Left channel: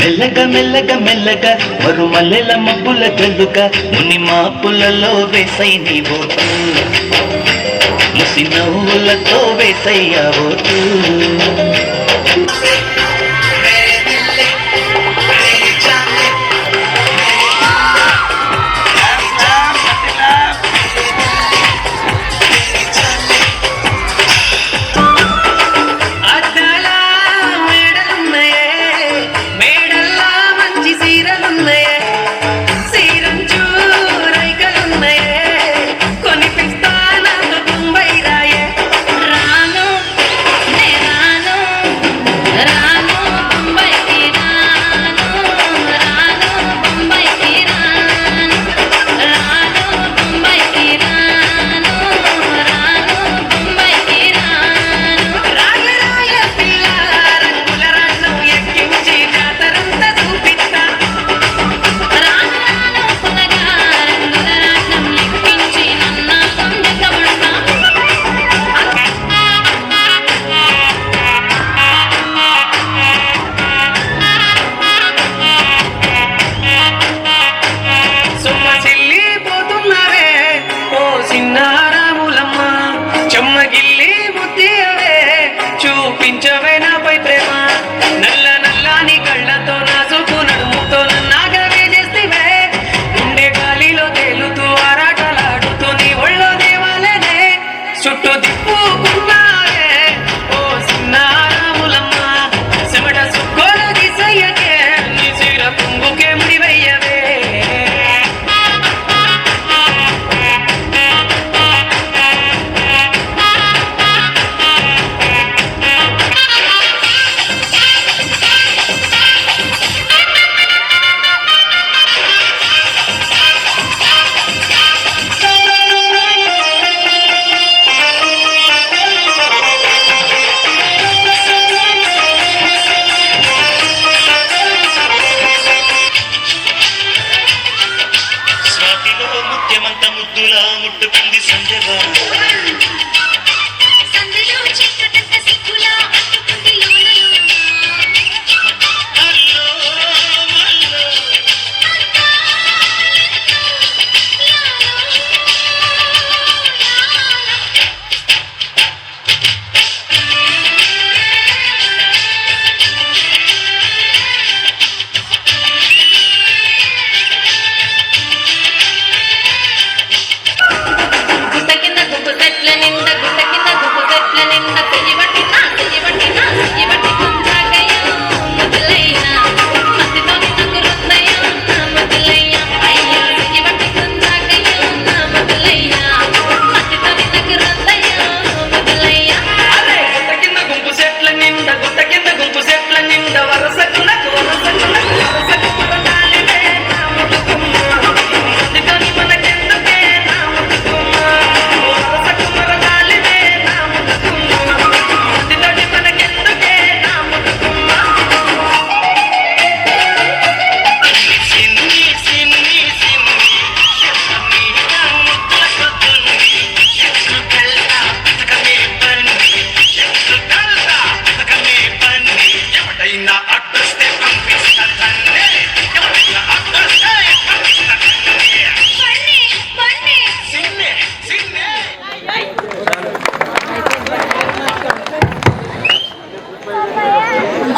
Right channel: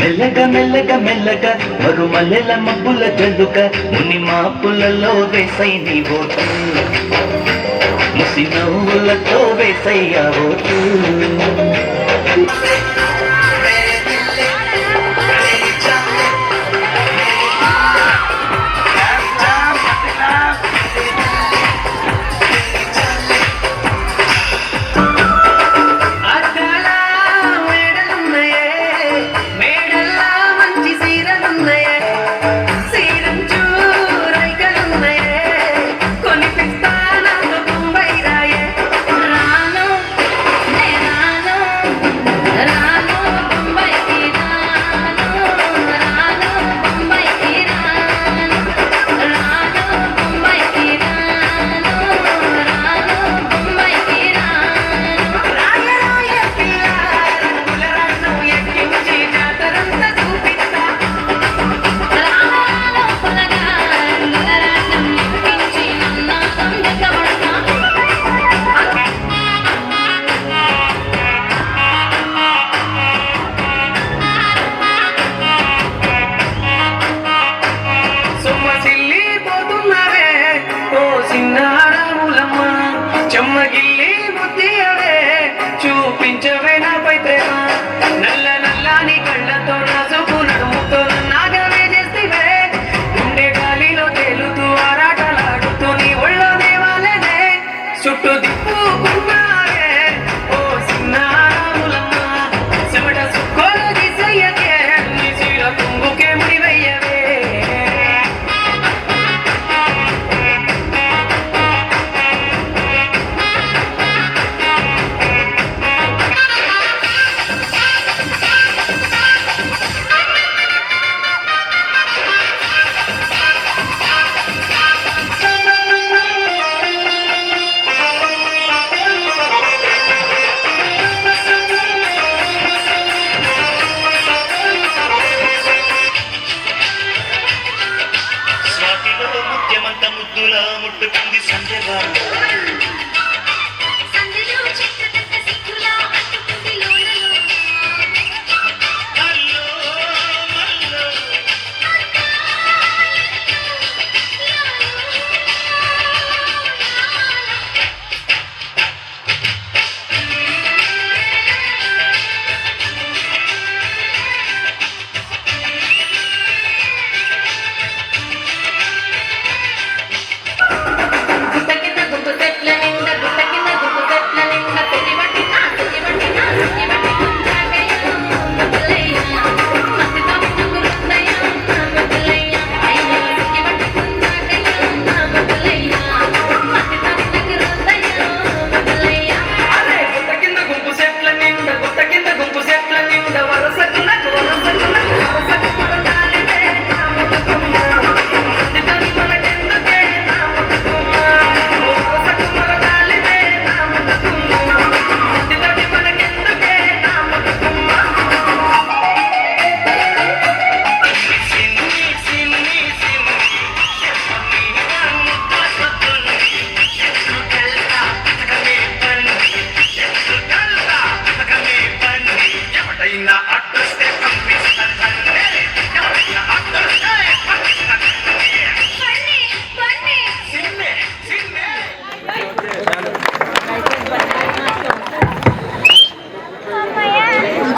మెల్లగా మెల్లగా మెల్లగా మరు మల్లెల మబ్బుల గల్లుగా ముని మాపులలో వేసై నీ ఓటు ముసి నవ్వులతో వేసయ్యా ఓటు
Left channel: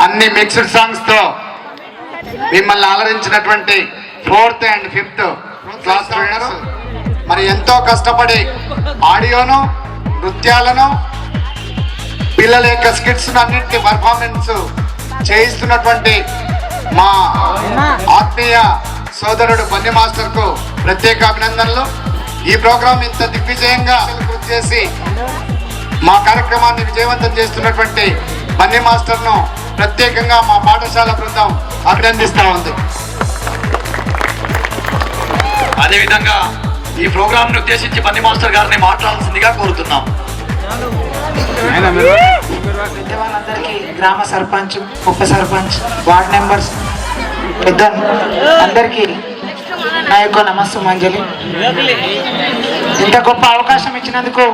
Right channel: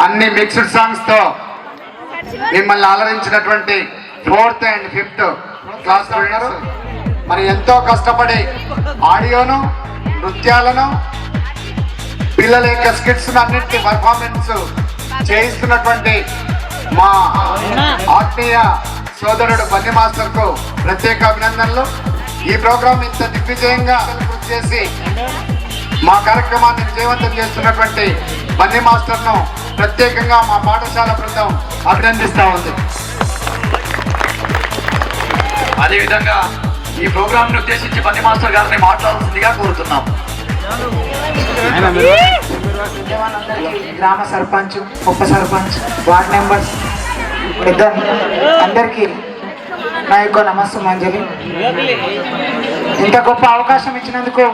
అన్ని మిక్స్డ్ సాంగ్స్ తో మిమ్మల్ని అలరించినటువంటి 4th and 5th class winners మరి ఎంతో కష్టపడి ఆడియోను నృత్యాలను పిల్లల యొక్క స్కిట్స్ అన్నింటి పర్ఫార్మెన్స్ చేయిస్తున్నటువంటి మా ఆత్మీయ సోదరుడు బన్నీ మాస్టర్ కు ప్రత్యేక అభినందనలు. ఈ ప్రోగ్రాం ఇంత దిగ్విజయంగా కృషి చేసి మా కార్యక్రమాన్ని విజయవంతం చేస్తున్నటువంటి బన్నీ మాస్టర్ ను ప్రత్యేకంగా మా పాఠశాల బృందం అభినందిస్తా ఉంది. అదేవిధంగా ఈ ప్రోగ్రామ్ ను ఉద్దేశించి బన్నీ మాస్టర్ గారిని మాట్లాడాల్సిందిగా కోరుతున్నాం. గ్రామ సర్పంచ్, ఉప సర్పంచ్, వార్డ్ మెంబర్స్, పెద్ద అందరికీ నా యొక్క నమస్సుమాంజలి. ఇంత గొప్ప అవకాశం ఇచ్చినందుకు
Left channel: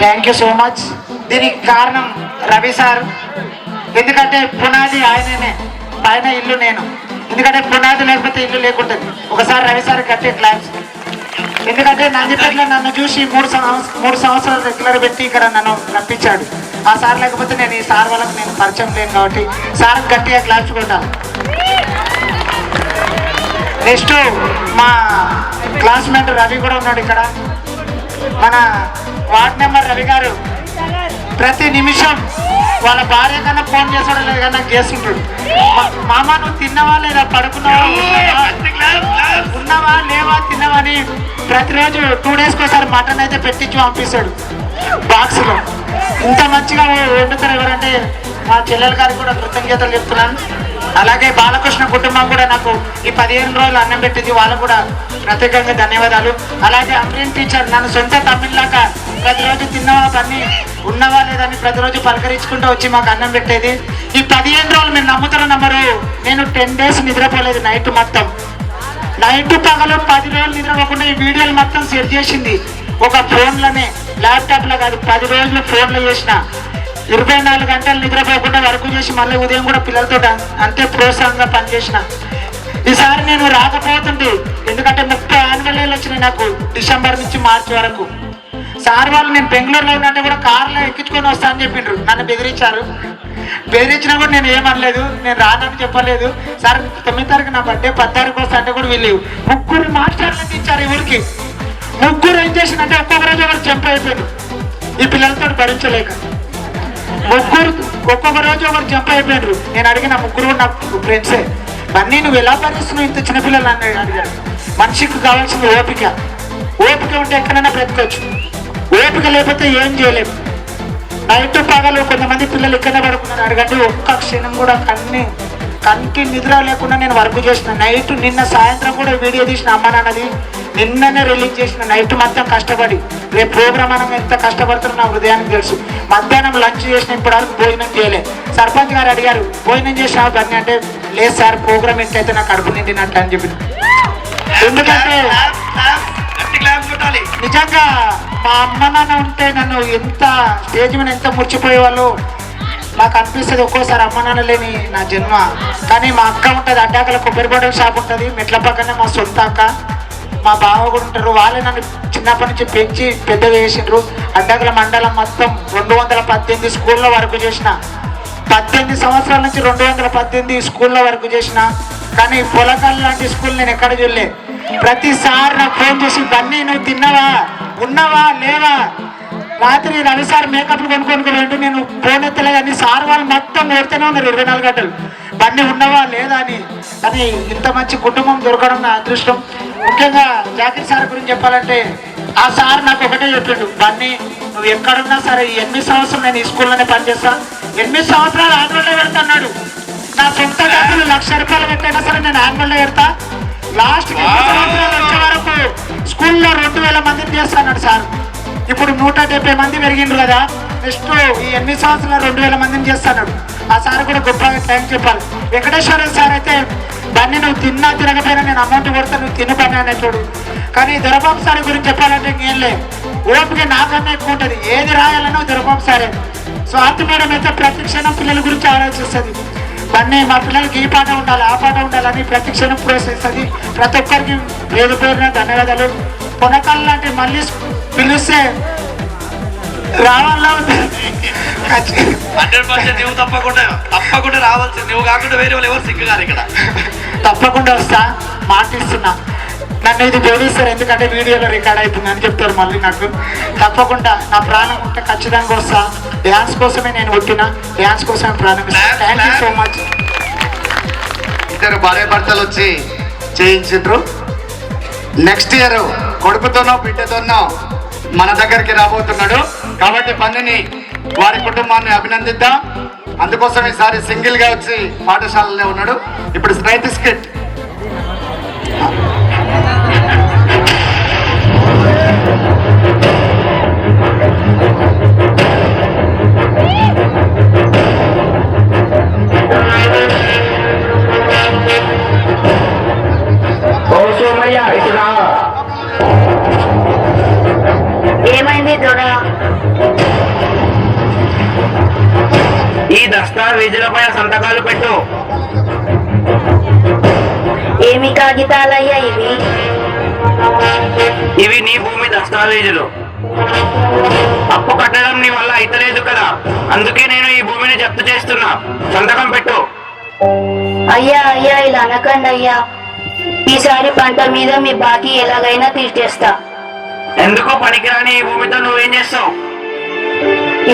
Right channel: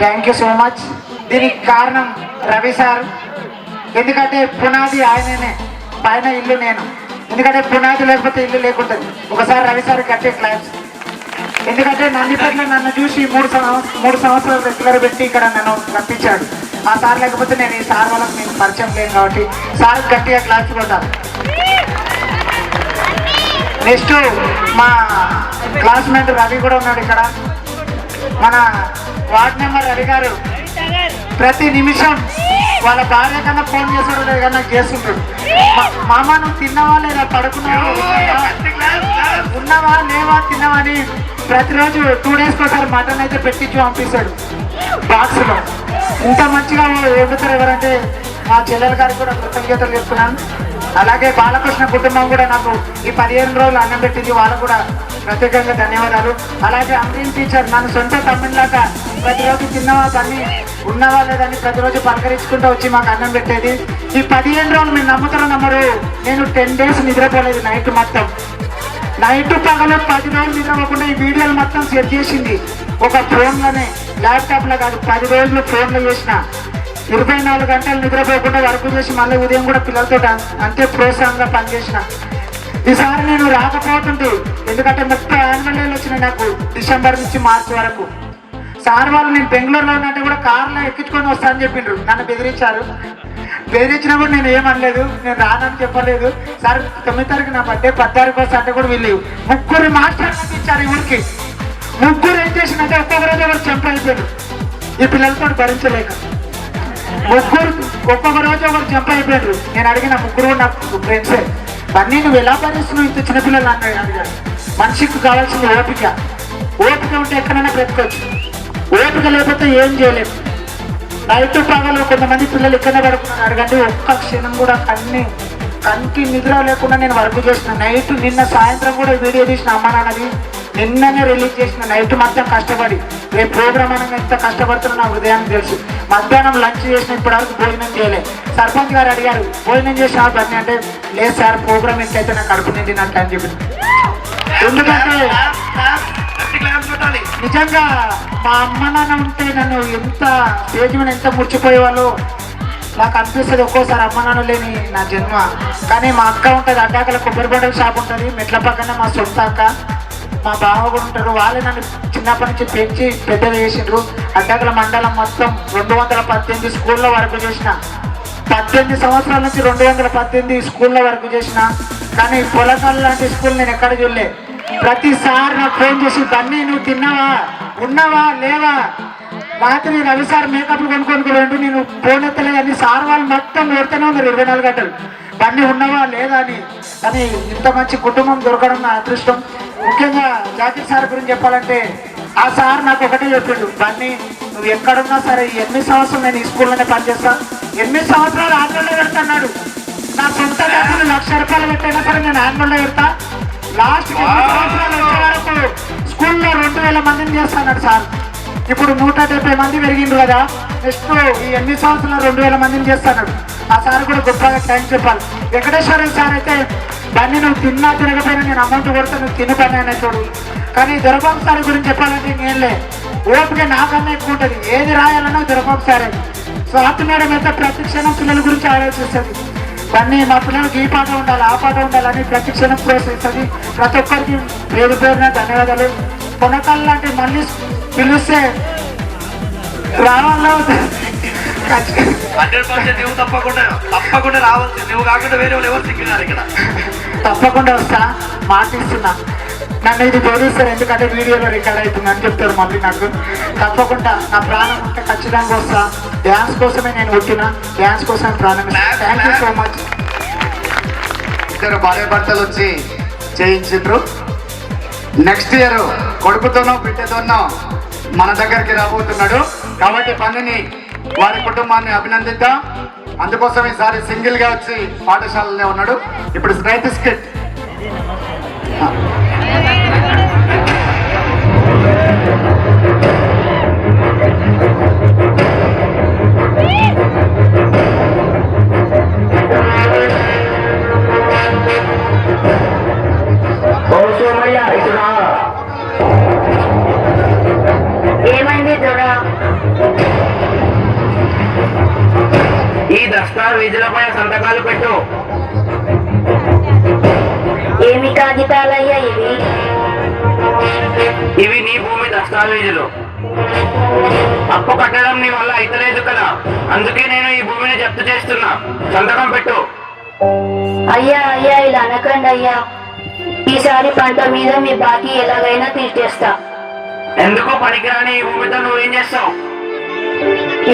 థ్యాంక్ యూ సో మచ్. దీనికి కారణం రవి సార్. ఎందుకంటే పునాది ఆయననే, పైన ఇల్లు నేను. ఎందుకంటే పునాది లేకపోతే ఇల్లు లేకుంటుంది. ఒకసారి రవి సార్ కట్టే క్లాస్. ఎందుకంటే నందిపేటలో నన్ను చూసి మూడు సంవత్సరాలు రెగ్యులర్ పెట్టి ఇక్కడ నన్ను రప్పించాడు. ఆ సార్ లేకపోతే నేను ఈ సార్ వాళ్ళకి నేను పరిచయం లేను కాబట్టి సార్ గట్టిగా క్లాస్ కొట్టాను. నెక్స్ట్ మా క్లాస్మేట్ రవి కూడా ఉన్నాడు ఇక్కడ. మన వార్డ్ మెంబర్ రవి గారు ప్రతి నిమిషం వాళ్ళ భార్య కన్నా ఫోన్ చేసాడో లేదు కానీ నాకు చేస్తుంటాడు. మామ నువ్వు తిన్నావా లేదా, పడుకున్నావా, ఉన్నావా లేవా, తిన్నావా అని ప్రతిరోజు 2 డేస్కి ఒకసారి మటన్ అయితే పెట్టించి పంపిస్తాడు బాక్స్లో. ఇంత మంచిగా వండుతారు ఎవరంటే మా చెల్లెల గారికి కూడా కృతజ్ఞతలు చెప్తున్నాను. అలాగే బాలకృష్ణ కుటుంబం కూడా నాకు ఈ 15 రోజులు అన్నం పెట్టింది, వాళ్ళకు కూడా ప్రత్యేకంగా ధన్యవాదాలు. అలాగే అంగ్రీన్ టీచర్ నన్ను సొంత తమిళలాగా ప్రతిరోజు తిన్నావా పని ఉన్నావా లేదని ప్రతిరోజు పలకరించుకుంటూ వచ్చి మాకు అన్నం పెట్టేది. ఈ 15 రోజులు మీరు నమ్ముతారో నమ్మరు, నేను 10 డేస్ నిద్రపోలేదు. నైట్ మొత్తం నైట్ పగలు 10 రోజులు నిద్రపోకుండా ఈ వీడియోలు మొత్తం సెట్ చేసింది ఒక ఫోన్లోనే, ల్యాప్టాప్లో కాదు. 10 రోజులు ఫోన్లో చేసిన 24 గంటలు నిద్రపోకుండా వర్క్ చేసి మళ్ళీ ఉదయం కూడా పిల్లలతో అంతే ప్రోత్సాహంగా పనిచేసిన. ఈసారి నేను రాకపోతుంటే ఎందుకంటే 30 యాన్యువల్ వచ్చినాయి నాకు డిసెంబర్ నుంచి మార్చి వరకు. సార్ వాళ్ళు నేను బెంగళూరులో ఉన్నట్టు కూడా కార్లో ఎక్కించుకొని వస్తా అని చెప్పిండ్రు. నన్ను బెదిరించారు. బెదిరించినా కూడా నేను ఏమనలేదు, నేను రానని చెప్పలేదు. సార్ 9 తారీఖు నా బర్త్డే, 10 తారీఖు వస్తే అంటే కూడా వీళ్ళు 3 మాట్లాడాలని ఇచ్చారు. ఈ ఊరికి 3 ఏం చేసిందంటే ఒక్కొక్క రోజు ఒకరు చంప అయిపోయారు. ఈ పిల్లలతో భరించలేక 3 ఒక్కొక్క రోజు ఒకరు చంప అయిపోయారు. నేను అడిగిన 3 నాకు ఫ్రెండ్సే. బన్నీ నువ్వు ఎలా భరిస్తున్నావు ఇంత చిన్నపిల్లలు అన్నాడు. అడిగాడు. మనిషికి కావాల్సింది ఓపిక. ఓపిక ఉంటే ఎక్కడైనా బ్రతకచ్చు, ఓపిక లేకపోతే ఏం చేయలేము. నైట్ పగలు కొంతమంది పిల్లలు ఇక్కడనే పడుకున్నారు. అడగండి ఒక్క క్షణం కూడా కంటి నిద్ర లేకుండా నేను వర్క్ చేసిన. నైట్ నిన్న సాయంత్రం కూడా వీడియో తీసిన అమ్మ నాన్నది నిన్ననే రిలీజ్ చేసిన. నైట్ మొత్తం కష్టపడి రేపు ప్రోగ్రామ్ అని ఎంత కష్టపడుతున్నా నా హృదయానికి తెలుసు. మధ్యాహ్నం లంచ్ చేసిన ఇప్పటివరకు భోజనం చేయలే. సర్పంచ్ గారు అడిగారు భోజనం చేసిన బన్నీ అంటే లేదు సార్ ప్రోగ్రామ్ ఎట్లయితే నాకు కడుపు నిండినట్టు అని చెప్పి. ఎందుకంటే నిజంగా మా అమ్మ నాన్న ఉంటే నన్ను ఎంత స్టేజ్ మీద ఎంత ముర్చిపోయేవాళ్ళు నాకు అనిపిస్తుంది. ఒక్కోసారి అమ్మ నాన్న లేని నా జన్మ. కానీ మా అక్క ఉంటుంది, అడ్డాకల కొబ్బరి బొండల షాప్ ఉంటుంది మెట్ల పక్కనే. మా సొంత అక్క మా బావ కూడా ఉంటారు. వాళ్ళే నన్ను చిన్నప్పటి నుంచి పెంచి పెద్ద వేసిండ్రు. అడ్డాకల మండలం మొత్తం 218 స్కూల్లో వర్క్ చేసిన. 18 సంవత్సరాల నుంచి 218 స్కూల్లో వర్క్ చేసిన. కానీ పొలకాలు లాంటి స్కూల్ నేను ఎక్కడ చూడలే. ప్రతిసారి నాకు ఫోన్ చేసి బన్నీ నువ్వు తిన్నావా, ఉన్నావా లేవా, రాత్రి రవి సార్ మేకప్లు కొనుక్కొని రెండు నేను ఫోన్ ఎత్తలేదని సార్ వాళ్ళు మొత్తం కొడుతూనే ఉన్నారు 24 గంటలు బన్నీ ఉన్నావా లేదా అని. కానీ ఇంత మంచి కుటుంబం దొరకడం నా అదృష్టం. ముఖ్యంగా జాతీయ సార్ గురించి చెప్పాలంటే ఆ సార్ నాకు ఒకటే చెప్పిండు, బన్నీ నువ్వు ఎక్కడున్నా సరే 8 సంవత్సరాలు నేను ఈ స్కూల్లోనే పనిచేస్తాను. 8 సంవత్సరాలు ఆన్లైన్లో పెడతాడు. నా సొంత డబ్బులు 1,00,000 రూపాయలు పెట్టైనా సరే నేను ఆన్లైన్లో పెడతా. లాస్ట్ 2 సంవత్సరాలు వచ్చే వరకు స్కూల్లో 2,000 మందిని చేస్తాడు సార్. ఇప్పుడు 170 మంది పెరిగిండ్రు కదా. నెక్స్ట్ ఈ 8 సంవత్సరాలు 2,000 మందిని చేస్తాడు. ఆ సార్ కూడా గొప్పగా థ్యాంక్స్ చెప్పాలి. వెంకటేశ్వర సార్ అయితే బన్నీ నువ్వు తిన్నా తిరగపోయినా నేను అమౌంట్ కొడతా నువ్వు తిని పని అనేటోడు. కానీ దొరబాబు సార్ గురించి చెప్పాలంటే నేనులే ఓపిక నాకన్నా ఎక్కువ ఉంటుంది. ఏది రాయాలన్నా దొరబాబు సారే. సో ఆర్తి మేడం అయితే ప్రతి క్షణం పిల్లల గురించి ఆలోచిస్తుంది. బన్నీ మా పిల్లలకి ఈ పాట ఉండాలి ఆ పాట ఉండాలని ప్రతి క్షణం ప్రోత్సహిస్తుంది. ప్రతి ఒక్కరికి పేరు పేరున ధన్యవాదాలు. కొనకాలు లాంటి మళ్ళీ పిలిస్తే రావాలా 100% నువ్వు తప్పకుండా రావాల్సింది. నువ్వు కాకుండా వేరే వాళ్ళు ఎవరు సిగ్గున్నారు ఇక్కడ. తప్పకుండా వస్తా, మాటిస్తున్నా. నన్ను ఇది బోధిస్తారు ఎందుకంటే వీడియోలో రికార్డ్ అవుతుంది అని చెప్తారు మళ్ళీ నాకు. తప్పకుండా నా ప్రాణం ఉంటే ఖచ్చితంగా వస్తా. డ్యాన్స్ కోసమే నేను పుట్టిన, డ్యాన్స్ కోసం ప్రారంభిస్తాను. Thank you so much. ఇద్దరు భార్య భర్తలు వచ్చి చేయించారు. నెక్స్ట్ ఇయర్ కొడుకుతోనో బిడ్డతోనో మన దగ్గరికి రాబోతున్నాడు. కాబట్టి పన్నిని వారి కుటుంబాన్ని అభినందిద్దాం. అందుకోసం ఈసారి సింగిల్ గా వచ్చి పాఠశాలలో ఉన్నాడు. ఇప్పుడు స్నైత్ స్కిట్ ఏమైంది దొర? ఈ దస్తావేజులపై సంతకాలు పెట్టు. ఏమి కాగితాలయ్యా ఇవి? ఇవి నీ భూమి దస్తావేజులు. అప్పు కట్టడం నీ వల్ల అయితలేదు కదా, అందుకే నేను ఈ భూమిని జప్తు చేస్తున్నా. సంతకం పెట్టు. అయ్యా అయ్యా ఇలా అనకండి అయ్యా. ఈసారి పంట మీద మీ బాకీ ఎలాగైనా తీర్చేస్తా. ఎందుకో పనికిరాని ఈ భూమితో నువ్వేం చేస్తావు?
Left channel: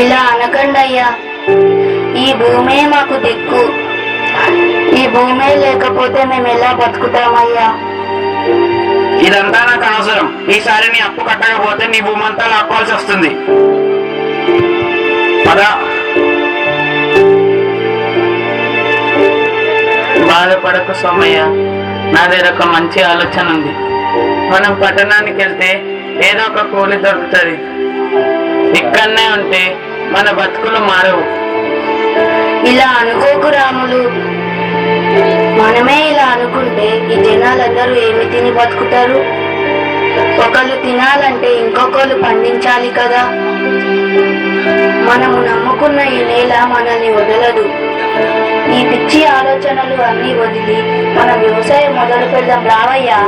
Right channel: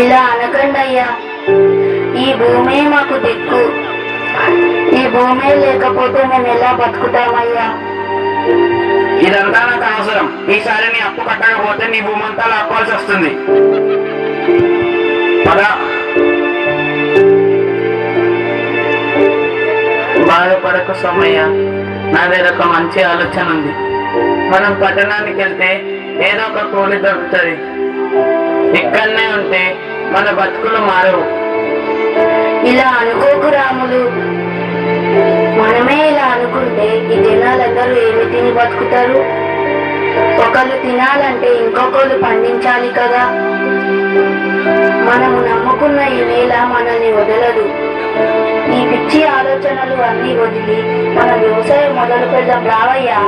ఇలా అనకండి అయ్యా. ఈ భూమే మాకు దిక్కు. ఈ భూమే లేకపోతే మేము ఎలా బతుకుతామయ్యా? ఇదంతా నాకు అవసరం. ఈసారి నీ అప్పు కట్టకపోతే నీ భూమి అంతా లాక్కోవాల్సి వస్తుంది. పదా. బాధపడకు సోమయ్య, నా దగ్గర ఒక మంచి ఆలోచన ఉంది. మనం పట్టణానికి వెళ్తే ఏదో ఒక కూలి దొరుకుతుంది. ఇక్కడనే ఉంటే మన బతుకులు మారవు. ఇలా అనుకోకు రాములు. మనమే ఇలా అనుకుంటే ఈ జనాలందరూ ఏమి తిని బతుకుతారు? ఒకళ్ళు తినాలంటే ఇంకొకళ్ళు పండించాలి కదా. మనము నమ్ముకున్న ఈ నేల మనల్ని వదలదు. ఈ పిచ్చి ఆలోచనలు అన్ని వదిలి మన వ్యవసాయం మొదలు పెడదాం రావయ్యా.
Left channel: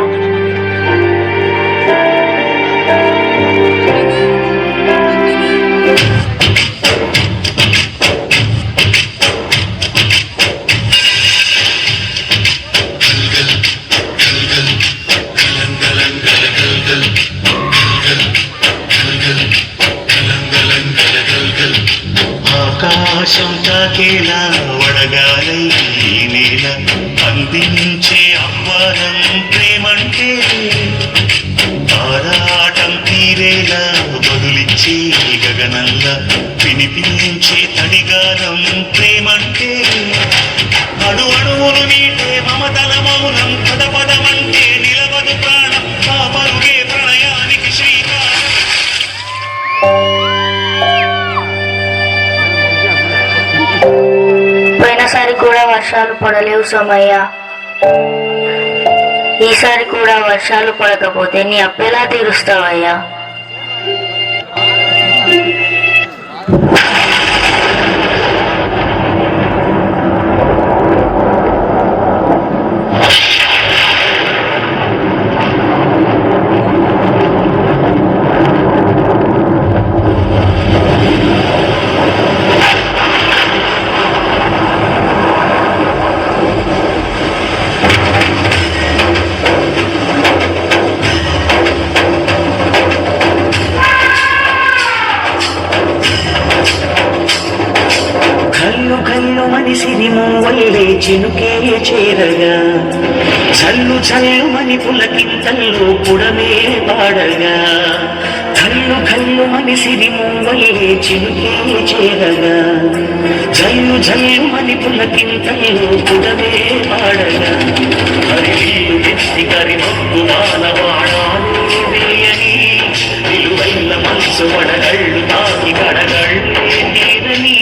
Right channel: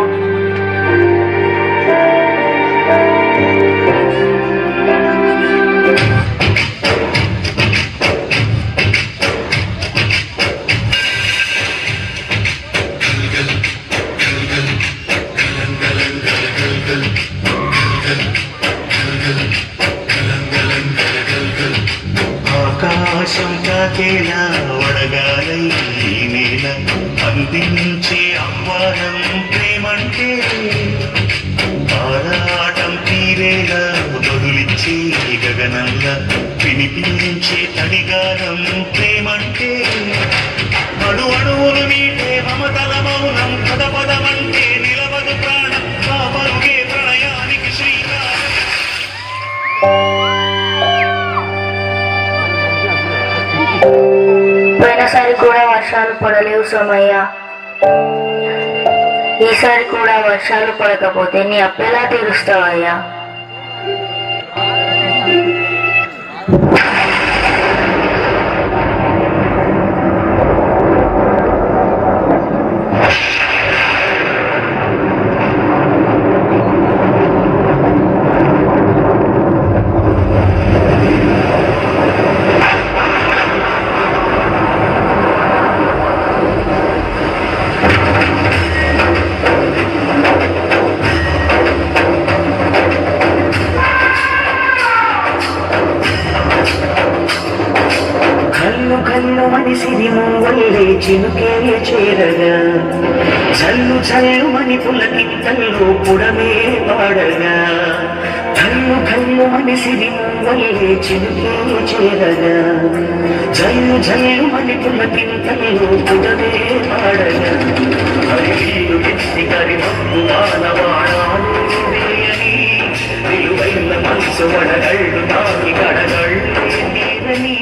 ఆకాశం తాకేలా వడగాలై ఈ నేల అందించే ఆహ్వానం ప్రేమంటే, ఆరాటం తీరేలా బదులిచ్చే గగనంలా వినిపించే తడిగానం ప్రేమంటే, అడు అడుగులు నీటే మమతల మౌనం పదపదమంటే నిలవదు ప్రాణం. ఆ పరుగే ప్రణయానికి శ్రీకారం. పోయినసారి కూడా వర్షాలు పడలేవు సోమయ్య. ఈసారి కూడా వర్షాలు పడకపోతే నీ అప్పెలా తీరుస్తావయ్యా? మనిషిని మూవల్లే చినుకే చేరగా, చల్లు చల్లుమని పులకింతల్లో పుడమే పాడగా, కల్లు కల్లు మనిషిని మూవల్లే చినుకే చేరగా, జల్లు జల్లుమని పులకింతల్లో పుడమే పాడగా, హరిలు ఎత్తి కరి మబ్బు మానవాడాలని విలువైన మనసు వడగళ్ళు తాకి కడగళ్ళు నీరని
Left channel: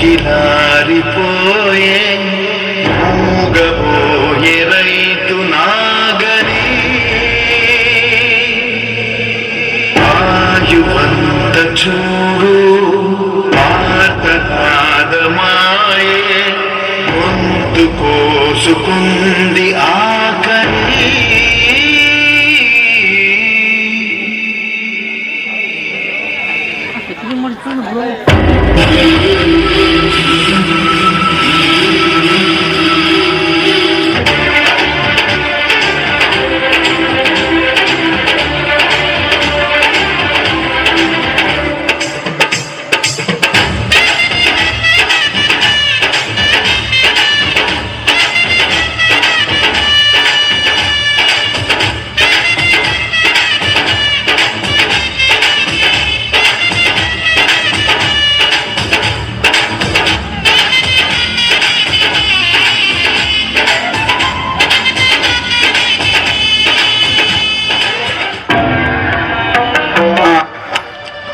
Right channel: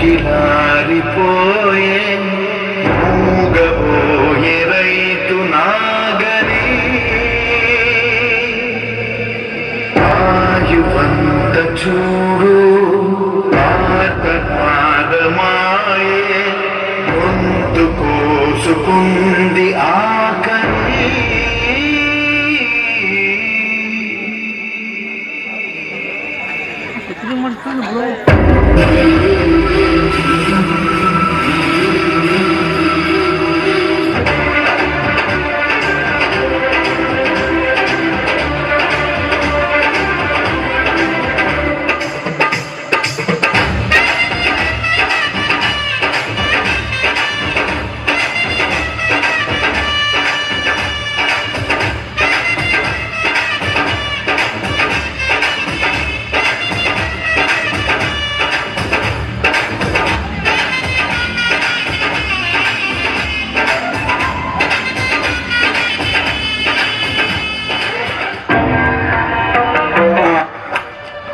గిలారిపోయే మూగబోయే రైతు నాగరి ఆయువంత చూడు పాదమాయే గొంతు కోసుకుంది ఆకలి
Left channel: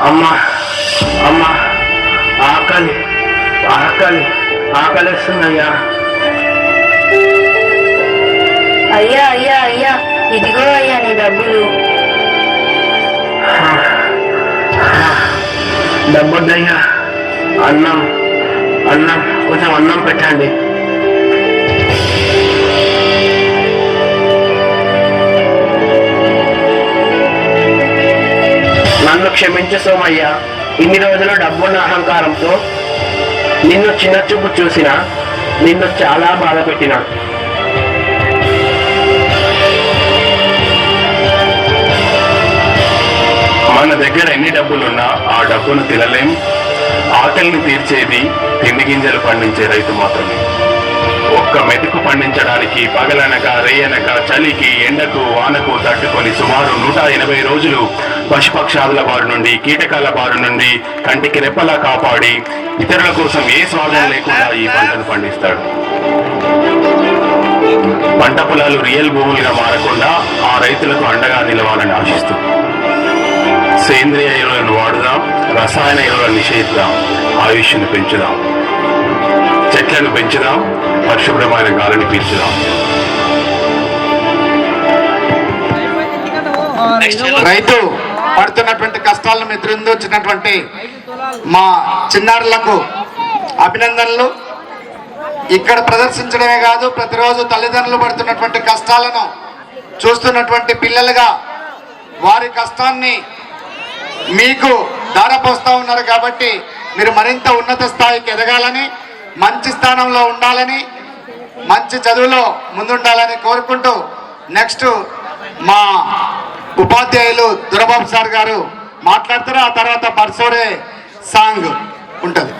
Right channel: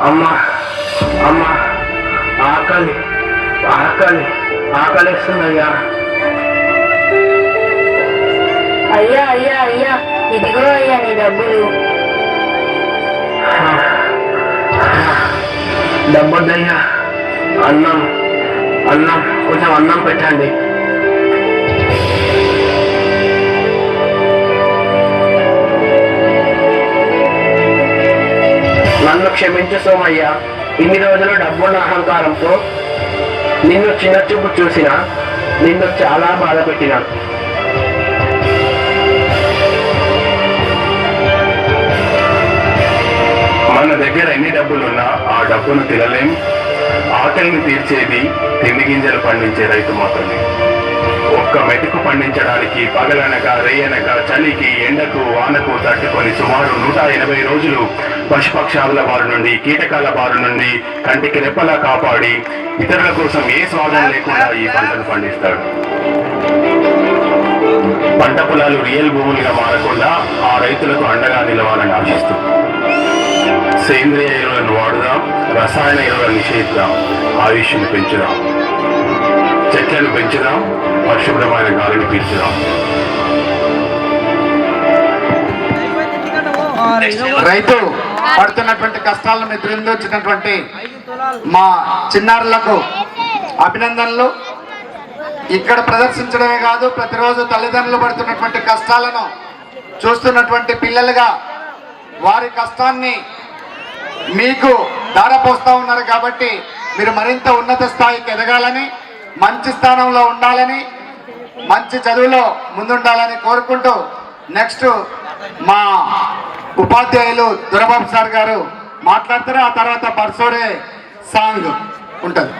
అమ్మా అమ్మా ఆకలి ఆకలి ఆకలిస్తుందయ్యా. అయ్యా అయ్యా అయ్యా, ఇదిగో అయ్యా నీ డబ్బులు. డబ్బొద్దయ్యా, అన్నం అన్నం కొంచెం అన్నం పెట్టండి. నన్ను క్షమించు సోమయ్య, ఇన్ని రోజులు డబ్బున్న అహంకారంతో నిన్ను చిన్న చూపు చూసిన నిన్ను చాలా బాధ పెట్టినా. మన దగ్గర ఎన్ని డబ్బులున్నా ఆ డబ్బును తినలేం. ఆకలిని తీర్చేది తిండి గింజలు పండించే రైతు మాత్రమే. ఒక్క మెతుకు పండించడానికి పగలనక రేయనక చలికి ఎండకు వానకు తట్టుకొని సుమారు 180 రోజులు పశుపక్షాదుల బారి నుండి కీటకాల బారి నుండి కంటికి రెప్పలా కాపాడి ఇతరుల కోసం ఏ స్వాగం లేకుండా ఈ పంటను పండిస్తాడు. పంట పొలాలు రియల్ భూములుగా మారకుండా ఆ రైతులకు అండగా నిలవాలని ఆశిస్తూ సేంద్రియ ఎరువులను వాడుదాం, రసాయన ఎరువులను నిషేధిద్దాం, ఆయుష్ను పెంచుదాం, చెట్లను పెంచుదాం, పరిశుభ్రమైన గాలిని పీల్చుదాం. రైతు పడుతున్నటువంటి కష్టాలను ఎదురించినటువంటి మా చిన్నారులకు అభినందనలు. ఇక్కడ ప్రదర్శించడమే కాదు, ప్రతిరోజు తల్లిదండ్రులు పడుతున్నటువంటి కష్టాలను చూస్తున్నటువంటి పిల్లలుగా వారి కష్టాన్ని మీకు దారపోస్తూ ఉన్నారు. కాబట్టి మీరు మరింత ఉన్నత స్థాయికి ఎదగాలని, మంచి స్థానంలో ఉండాలని, మంచి చదువులో ముందుండాలని కోరుకుంటూ నెక్స్ట్ మా ఉపాధ్యాయులు దురబాబు సార్ గారు మాట్లాడతారు. ఆ తర్వాత బర్సోరే సాంగ్ ఉంటుంది.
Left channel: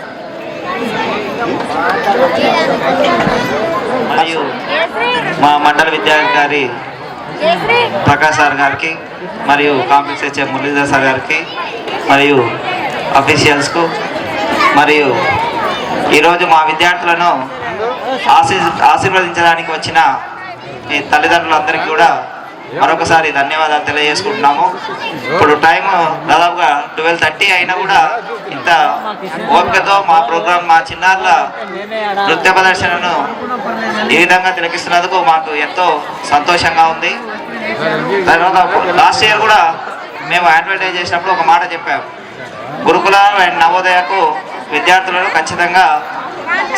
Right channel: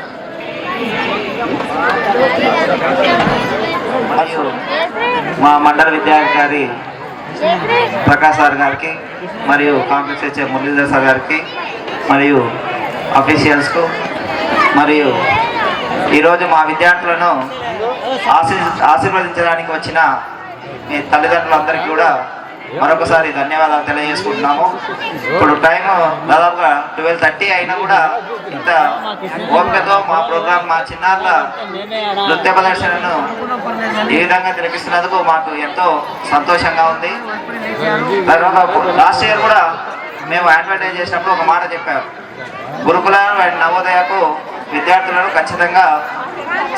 మరియు మా మండల విద్యాధికారి ప్రకాష్ సార్ గారికి మరియు కాంప్లెక్స్ హెచ్ఎం మురళీధర్ సార్ గారికి మరియు అఫీషియల్స్కు మరియు ఈరోజు మా విద్యార్థులను ఆశీర్వదించడానికి వచ్చిన మీ తల్లిదండ్రులందరికీ కూడా మరొకసారి ధన్యవాదాలు తెలియజేసుకుంటున్నాము. ఇప్పుడు టైం దాదాపుగా 12:30 అయినా కూడా ఇంత ఓపికతో మా ప్రోగ్రామ్, మా చిన్నారుల నృత్య ప్రదర్శనను ఈ విధంగా తిలకిస్తున్నందుకు మాకు ఎంతో సంతోషంగా ఉంది. తర్వాత లాస్ట్ ఇయర్ కూడా మేము అడ్వర్టైజ్ చేసినప్పుడు ఒక మాట చెప్పాము, గురుకుల అండ్ నవోదయకు విద్యార్థులను ఖచ్చితంగా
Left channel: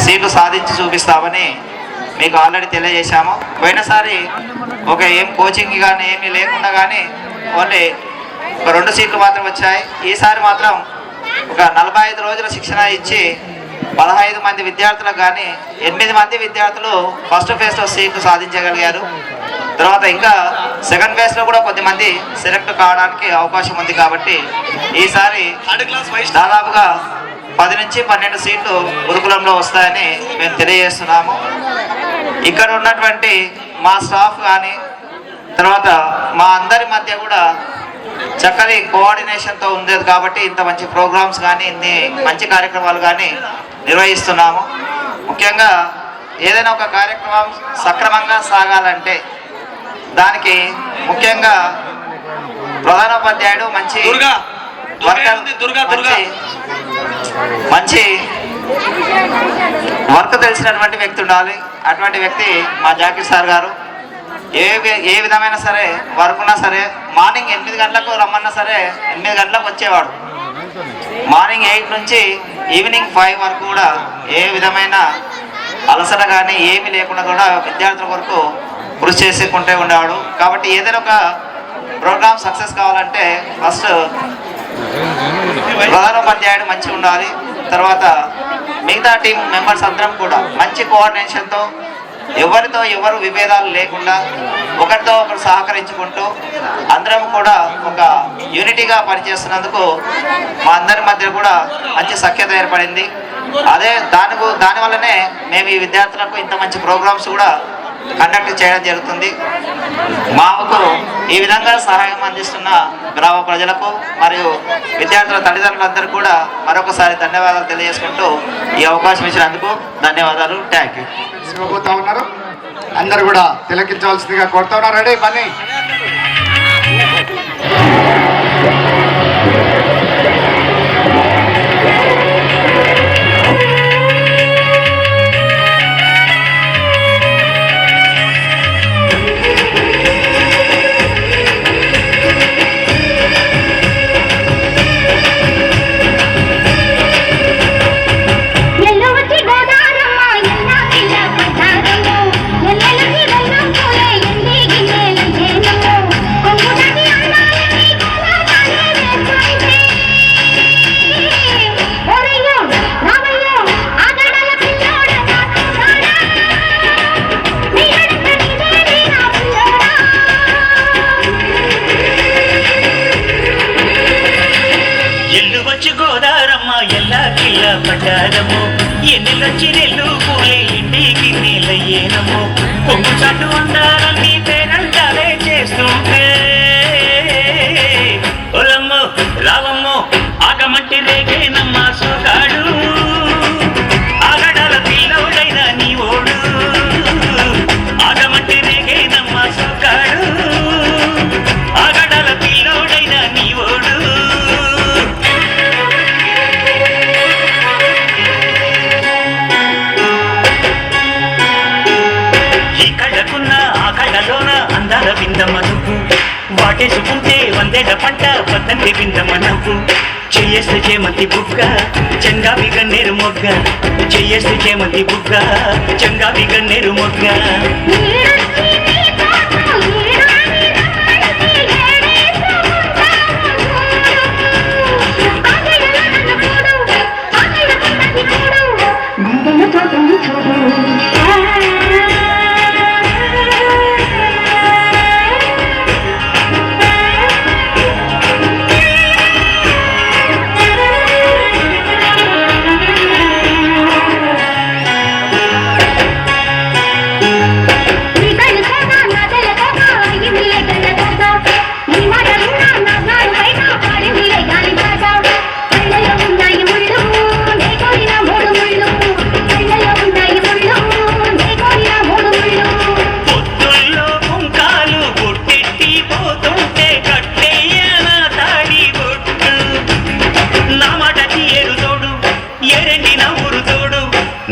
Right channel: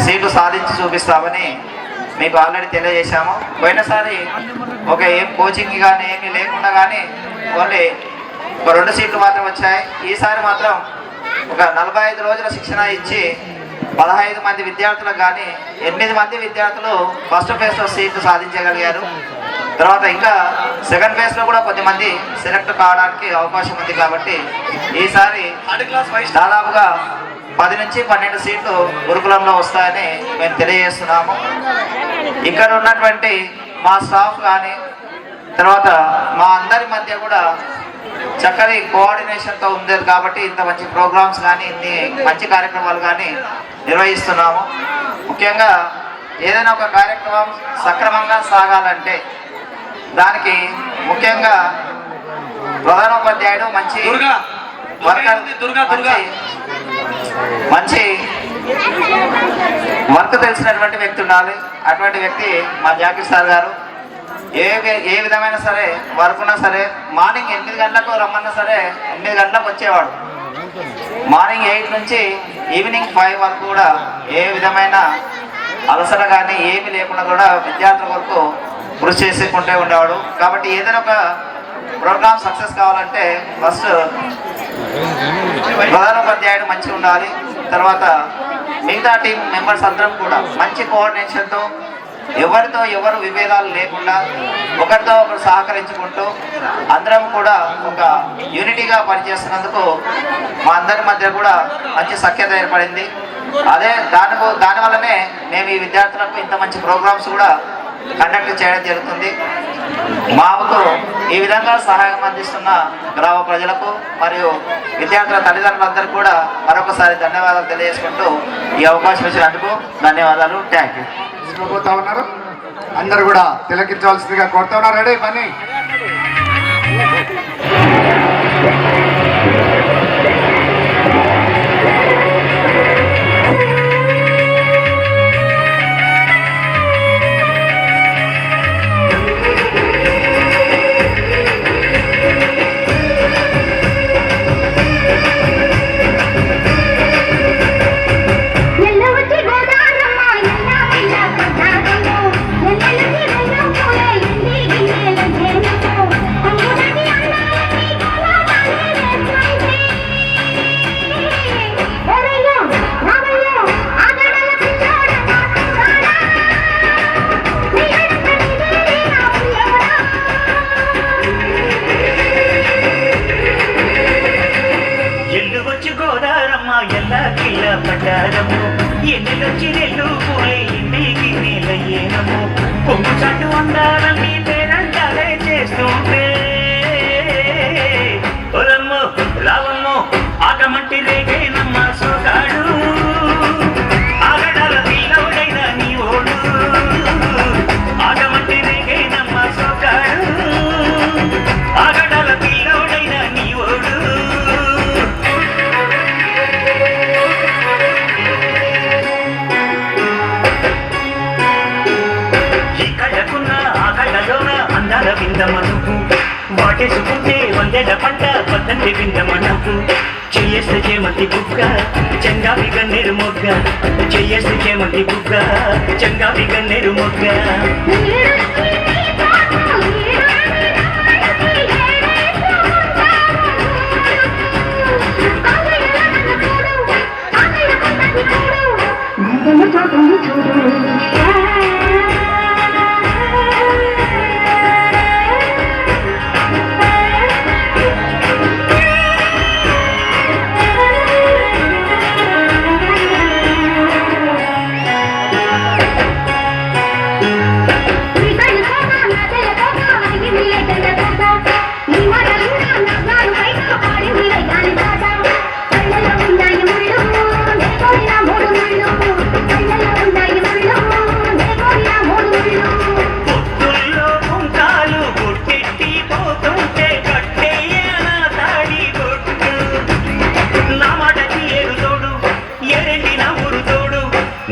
సీట్లు సాధించి చూపిస్తామని మీకు ఆల్రెడీ తెలియజేశాము. పోయినసారి ఒక ఏం కోచింగ్ కానీ ఏమీ లేకుండా కానీ ఓన్లీ ఒక 2 సీట్లు మాత్రం వచ్చాయి. ఈసారి మాత్రం ఒక 45 రోజుల శిక్షణ ఇచ్చి 15 మంది విద్యార్థులకు కానీ 8 మంది విద్యార్థులు ఫస్ట్ ఫేజ్లో సీట్లు సాధించగలిగారు. తర్వాత ఇంకా సెకండ్ ఫేజ్లో కూడా కొద్దిమంది సెలెక్ట్ కావడానికి అవకాశం ఉంది. కాబట్టి ఈసారి దాదాపుగా 10 నుంచి 12 సీట్లు గురుకులంలో వస్తాయని మేము తెలియజేస్తున్నాము. ఇక్కడ ఉన్నటువంటి మా స్టాఫ్ కానీ తర్వాత మా అందరి మధ్య కూడా చక్కని కోఆర్డినేషన్తో ఉండేది కాబట్టి ఇంత మంచి ప్రోగ్రామ్స్ కానీ ఇన్ని మంచి కార్యక్రమాలు కానీ నిర్వహిస్తున్నాము. ముఖ్యంగా ఏదైనా ఒక కార్యక్రమం సక్రమంగా సాగాలంటే దానికి ముఖ్యంగా ప్రధానోపాధ్యాయుడు మంచి మంచి వర్క్ తెలిసినటువంటి వ్యక్తి ఉండాలి. అటువంటి వ్యక్తి మా జాకీర్ సార్ గారు. ఏ విధమైన సరే వర్క్ ఉన్నా సరే మార్నింగ్ 8 గంటలకు రమ్మన్నా సరే 8 గంటలకు వచ్చేవాడు. మార్నింగ్ 8 నుంచి ఈవినింగ్ 5 వరకు కూడా ఏ విధమైన అలసట కానీ ఏమీ లేకుండా కూడా విద్యార్థుల వరకు కృషి చేసుకుంటూ ఉండేవాడు. కాబట్టి ఏదైనా ఒక ప్రోగ్రామ్ సక్సెస్ కావాలంటే ఫస్ట్ ప్రధానోపాధ్యాయుడు మంచిగా ఉండాలి. తర్వాత మిగతా టీం మెంబర్స్ అందరం కూడా మంచి కోఆర్డినేషన్తో ఎవరితో ఎవరు విభేదాలు లేకుండా ఒకరితో ఒకరు సహకరించుకుంటూ అందరం కూడా ఒక యూనిటీగా పనిచేస్తున్నందుకు మా అందరి మధ్య కూడా మంచి సఖ్యత ఏర్పడింది. దానివల్లనే మేము ఈ విద్యార్థులకు ఇంత మంచి ప్రోగ్రామ్స్ కూడా కండక్ట్ చేయడం జరుగుతుంది. మాకు ఈ విధంగా సహాయం అందిస్తున్న గ్రామ ప్రజలకు మరియు విద్యార్థుల తల్లిదండ్రులందరూ కూడా మరొకసారి ధన్యవాదాలు తెలియజేసుకుంటూ ఈ అవకాశం ఇచ్చినందుకు ధన్యవాదాలు. Thank you. పోతా ఉన్నారు, అందరు కూడా తిలకించవలసిందిగా కోరుతా ఉన్నారు. రెడీ పని పడ్డారము ఎన్నెలొచ్చి రెల్లు పూలే ఇంటికి నీలయ్యేనము కొంగు చట్టు అందాలన్నీ పేరంటాలే చేస్తుంటే ఒలమ్మో రావమ్మో ఆగమంటి రేగేనమ్మా సోగాడు ఆగడాల పిల్లవుడైన నీ ఓడు ఆగమంటి రేగేనమ్మా సోగాడు ఆగడాల పిల్లవుడైన నీ ఓడు అందాల విందమనుకు వాటేసుకుంటే 100 పంట పతంగి విందమనకు చెయ్యేస్తే చేమంతి బుగ్గ చెంగావి గన్నేరు మొగ్గ చెయ్యేస్తే చేమంతి బుగ్గ చెంగావి గన్నేరు మొగ్గ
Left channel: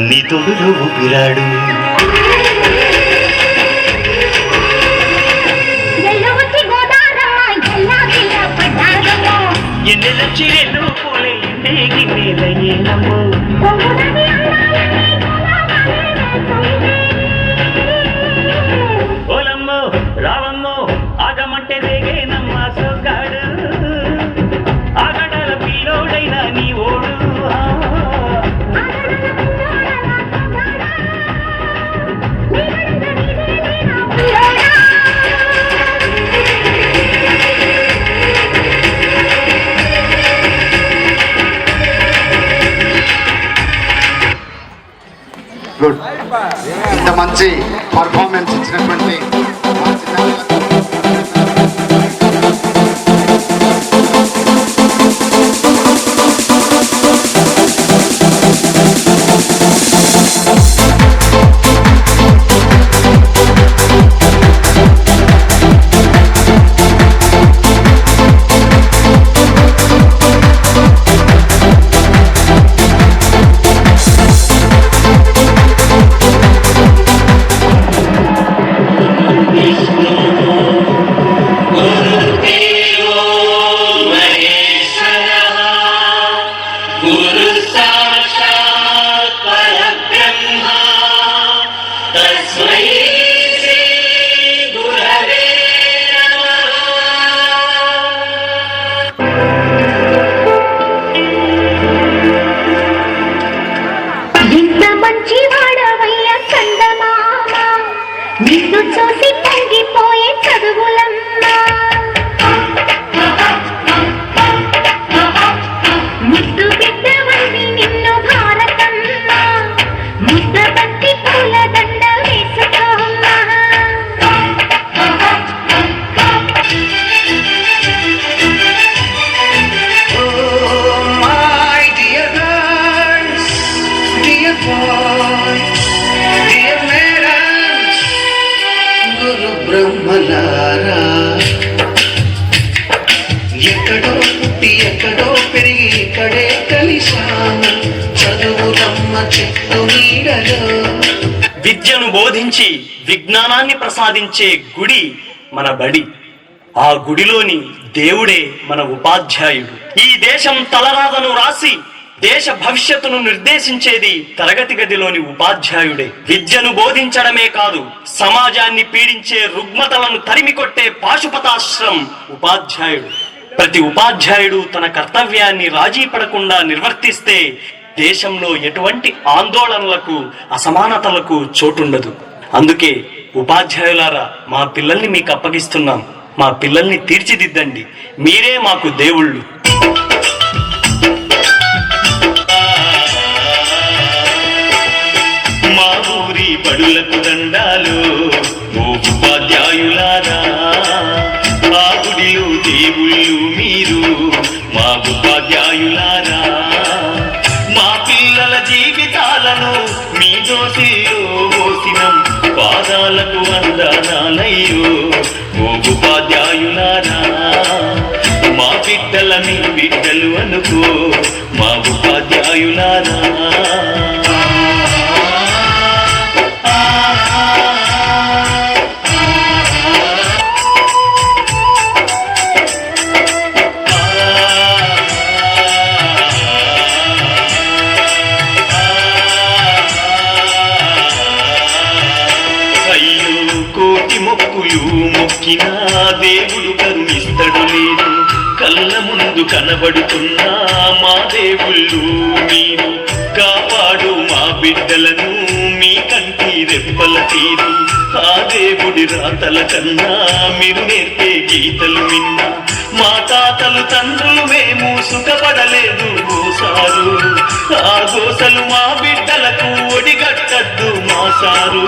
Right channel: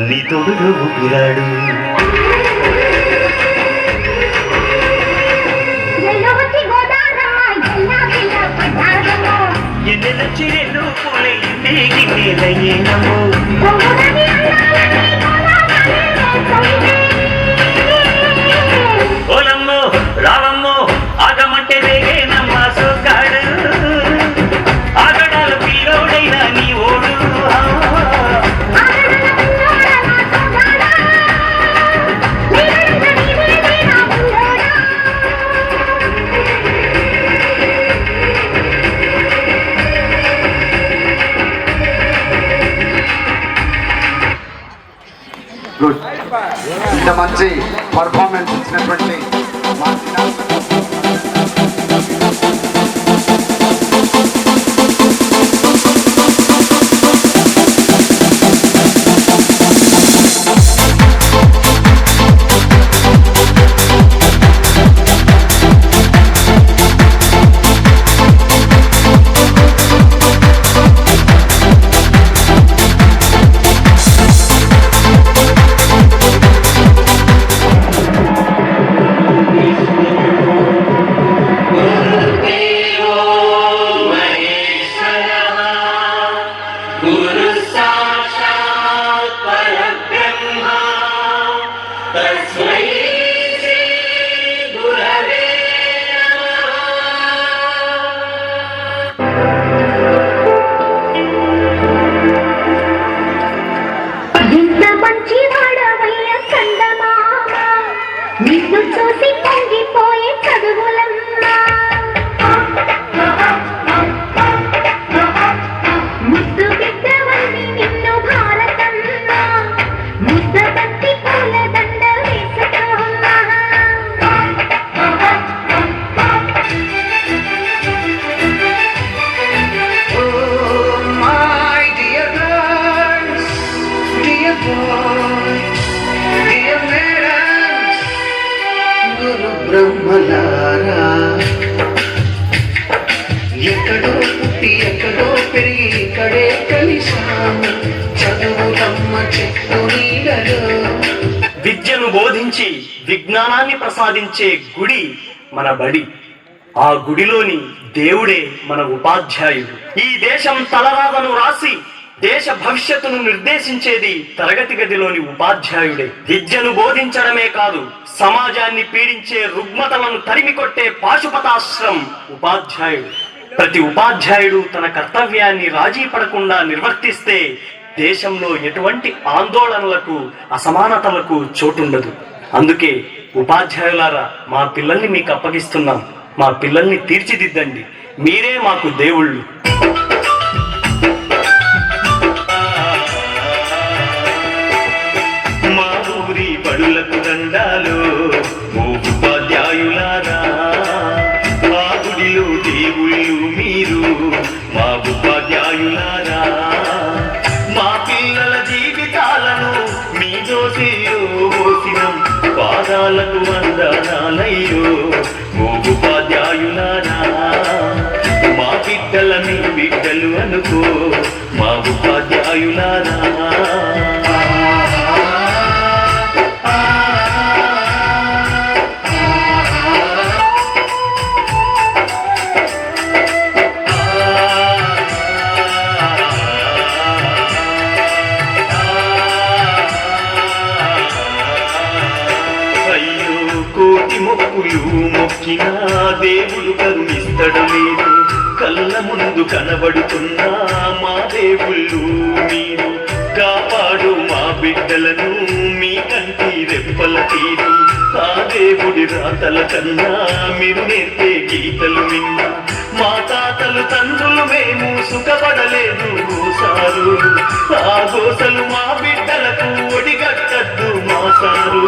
నీ తోడులో ఊపిరాడు ఎన్నెలొచ్చి రెండు పూలే ఇంటికి నీలయ్యేనము ఓలమ్మో రావమ్మో ఆగమంటే రేగేనమ్మా సోగాడు ఆగడాల పిల్లోడైనా నీ ఓడు ఇంత మంచి పర్ఫార్మెన్స్ ఇచ్చినటువంటి నిన్ను చూసి పొంగిపోయే చదువులమ్మా ముద్దు బిడ్డవని నిన్ను భారతమ్మా ముద్ద పట్టి పూల దండ వేసుకోమ్మా బ్రహ్మలారా ఎక్కడో పుట్టి ఎక్కడో పెరిగి ఇక్కడే కలిశాను చదువులమ్మ చెట్టు నీడలో. విద్యను బోధించి విజ్ఞానాన్ని ప్రసాదించే గుడి మన బడి. ఆ గుడిలోని దేవుడే మన ఉపాధ్యాయుడు. ఈ దేశం తలరాతను రాసి దేశ భవిష్యత్తును నిర్దేశించేది తరగతి గదిలోని ఉపాధ్యాయుడే. విద్యను బోధించడమే కాదు, సమాజాన్ని పీడించే రుగ్మతలను తరిమికొట్టే పాశుపతాశ్రం ఉపాధ్యాయుడు. ప్రతి ఉపాధ్యాయుడు తన కర్తవ్యాన్ని రాజీ పడకుండా నిర్వర్తిస్తే దేశంలో ఎటువంటి ఆందోళనలకు అసమానతలకు చోటుండదు. అందుకే ఉపాధ్యాయులారా, మా పిల్లల్ని మీకు అప్పగిస్తున్నాం. మా పిల్లల్ని తీర్చిదిద్దండి. మీరే మాకు దేవుళ్ళు. మా ఊరి బడులకు దండాలు ఓ ఉపాధ్యాయులారా, ఆ గుడిలో దేవుళ్ళు మీరు మా ఉపాధ్యాయులారా. మా పిల్లల జీవితాలను మీ దోసిలో పోసినం, పాదాలకు వందనాలయ్యో ఓ ఉపాధ్యాయులారా. మా బిడ్డల మీ బిడ్డలు అనుకో మా ఉపాధ్యాయులారా. కోటి మొక్కులు మొక్కినా దేవుడు కరుణిస్తడు లేదు. కళ్ళ ముందు కనబడుతున్నా మా దేవుళ్ళు మీరు. కాపాడు మా బిడ్డలను మీ కంటి రెప్పల తీరు. ఆ దేవుడి రాతల కన్నా మీరు నేర్పే గీతలు విన్నా. మా తాతలు తండ్రులు మేము సుఖపడలేదు ఓసారు. ఆ గోసలు మా బిడ్డలకు ఒడిగట్టద్దు మా సారు.